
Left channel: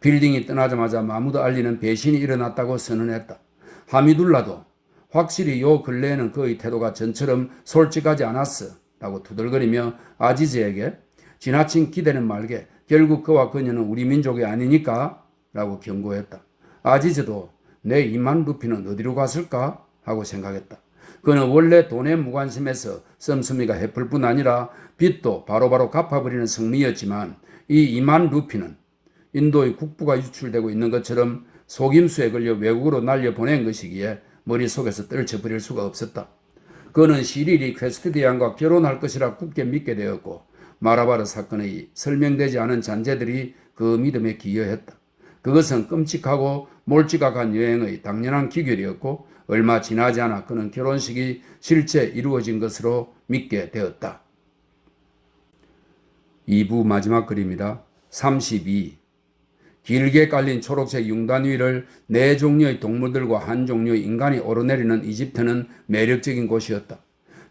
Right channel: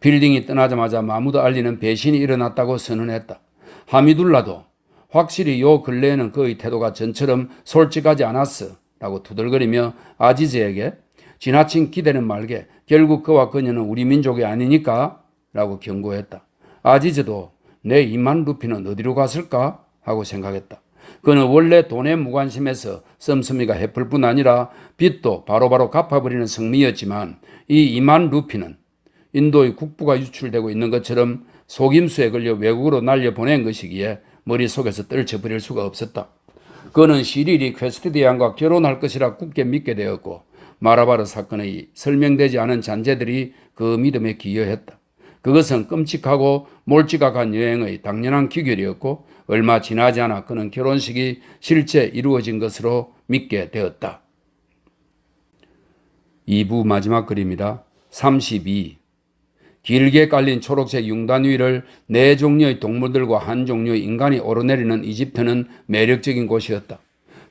필딩이 떠나자마자 마무드 알리는 배신이 일어났다고 선언했다. 하미둘라도 확실히 요 근래에는 그의 태도가 전처럼 솔직하지 않았어 라고 투덜거리며 아지즈에게 지나친 기대는 말게 결국 그와 그녀는 우리 민족이 아니니까 라고 경고했다. 아지즈도 내 2만 루피는 어디로 갔을까 하고 생각했다. 그는 원래 돈에 무관심해서 씀씀이가 해플 뿐 아니라 빚도 바로바로 갚아버리는 성미였지만 이 2만 루피는 인도의 국부가 유출되고 있는 것처럼 속임수에 걸려 외국으로 날려보낸 것이기에 머릿속에서 떨쳐버릴 수가 없었다. 그는 시릴이 퀘스트디안과 결혼할 것이라 굳게 믿게 되었고 마라바르 사건의 설명되지 않은 잔재들이 그 믿음에 기여했다. 그것은 끔찍하고 몰지각한 여행의 당연한 귀결이었고 얼마 지나지 않아 그는 결혼식이 실제 이루어진 것으로 믿게 되었다. 2부 마지막 글입니다. 32. 길게 깔린 초록색 융단 위를 4종류의 동물들과 1종류의 인간이 오르내리는 이집트는 매력적인 곳이었다.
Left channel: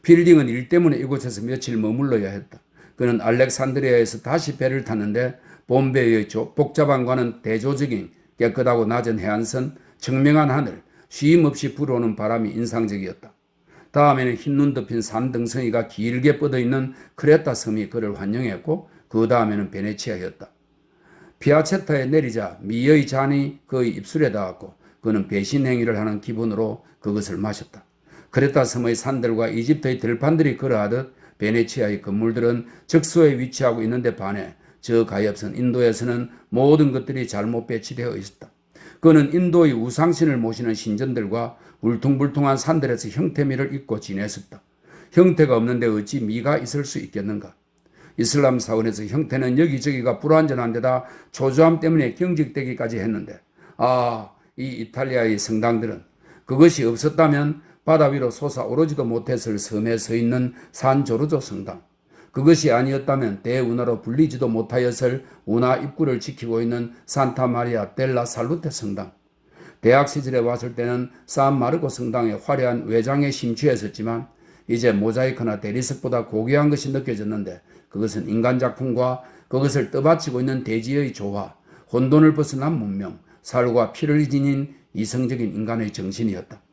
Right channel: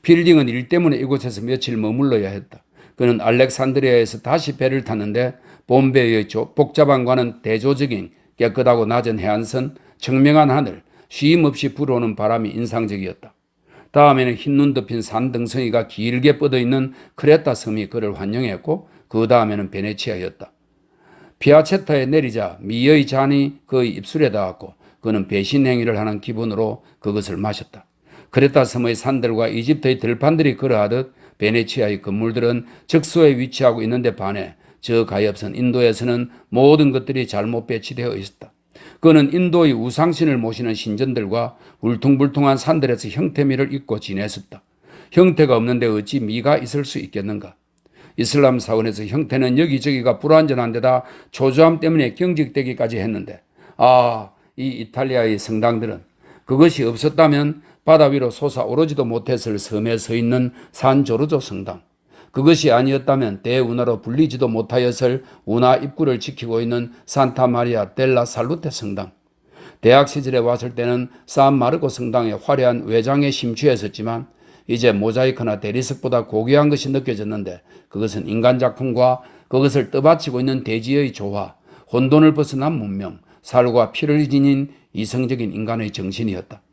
필딩은 일 때문에 이곳에서 며칠 머물러야 했다. 그는 알렉산드리아에서 다시 배를 탔는데 bombay의 복잡함과는 대조적인 깨끗하고 낮은 해안선, 청명한 하늘, 쉼없이 불어오는 바람이 인상적이었다. 다음에는 흰눈 덮인 산 등성이가 길게 뻗어있는 크레타 섬이 그를 환영했고 그 다음에는 베네치아였다. 피아체타에 내리자 미의 잔이 그의 입술에 닿았고 그는 배신 행위를 하는 기분으로 그것을 마셨다. 크레타 섬의 산들과 이집트의 들판들이 그러하듯 베네치아의 건물들은 적소에 위치하고 있는데 반해 저 가엾은 인도에서는 모든 것들이 잘못 배치되어 있었다. 그는 인도의 우상신을 모시는 신전들과 울퉁불퉁한 산들에서 형태미를 입고 지냈었다. 형태가 없는데 어찌 미가 있을 수 있겠는가? 이슬람 사원에서 형태는 여기저기가 불완전한 데다 초조함 때문에 경직되기까지 했는데 이 이탈리아의 성당들은 그것이 없었다면 바다 위로 솟아오르지도 못했을 섬에 서 있는 산 조르조 성당, 그것이 아니었다면 대운하로 불리지도 못하였을 운하 입구를 지키고 있는 산타 마리아 델라 살루테 성당, 대학 시절에 왔을 때는 산마르코 성당의 화려한 외장에 심취했었지만 이제 모자이크나 대리석보다 고귀한 것이 느껴졌는데 그것은 인간 작품과 그것을 떠받치고 있는 대지의 조화, 혼돈을 벗어난 문명, 살과 피를 지닌 이성적인 인간의 정신이었다.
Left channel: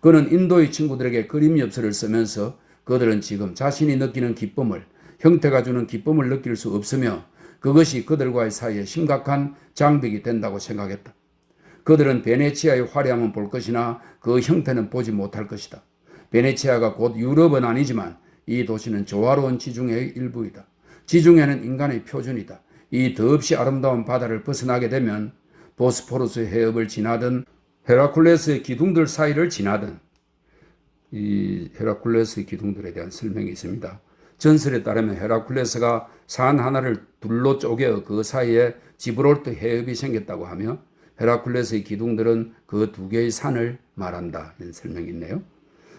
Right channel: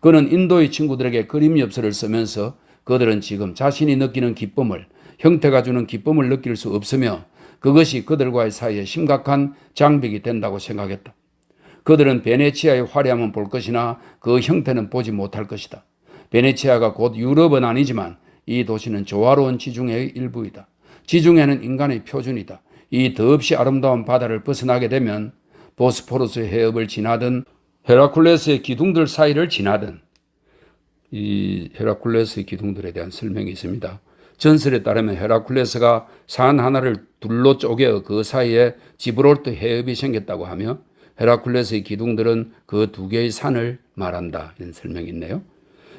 그는 인도의 친구들에게 그림 엽서를 쓰면서 그들은 지금 자신이 느끼는 기쁨을, 형태가 주는 기쁨을 느낄 수 없으며 그것이 그들과의 사이에 심각한 장벽이 된다고 생각했다. 그들은 베네치아의 화려함은 볼 것이나 그 형태는 보지 못할 것이다. 베네치아가 곧 유럽은 아니지만 이 도시는 조화로운 지중해의 일부이다. 지중해는 인간의 표준이다. 이 더없이 아름다운 바다를 벗어나게 되면 보스포루스 해협을 지나든 헤라쿨레스의 기둥들 사이를 지나든, 이 헤라쿨레스의 기둥들에 대한 설명이 있습니다. 전설에 따르면 헤라쿨레스가 산 하나를 둘로 쪼개 그 사이에 지브롤터 해협이 생겼다고 하며 헤라쿨레스의 기둥들은 그 2개의 산을 말한다. 이런 설명이 있네요.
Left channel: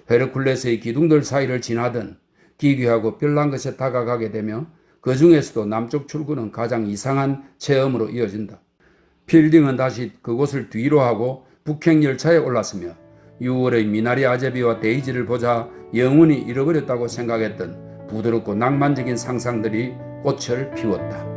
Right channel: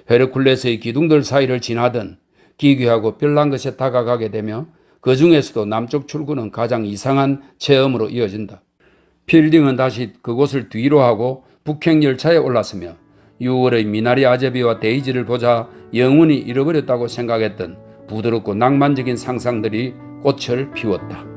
헤라쿨레스의 기둥들 사이를 지나든 기괴하고 별난 것에 다가가게 되며 그 중에서도 남쪽 출구는 가장 이상한 체험으로 이어진다. 필딩은 다시 그곳을 뒤로 하고 북행열차에 올랐으며 6월의 미나리 아제비와 데이지를 보자 영원히 잃어버렸다고 생각했던 부드럽고 낭만적인 상상들이 꽃을 피웠다.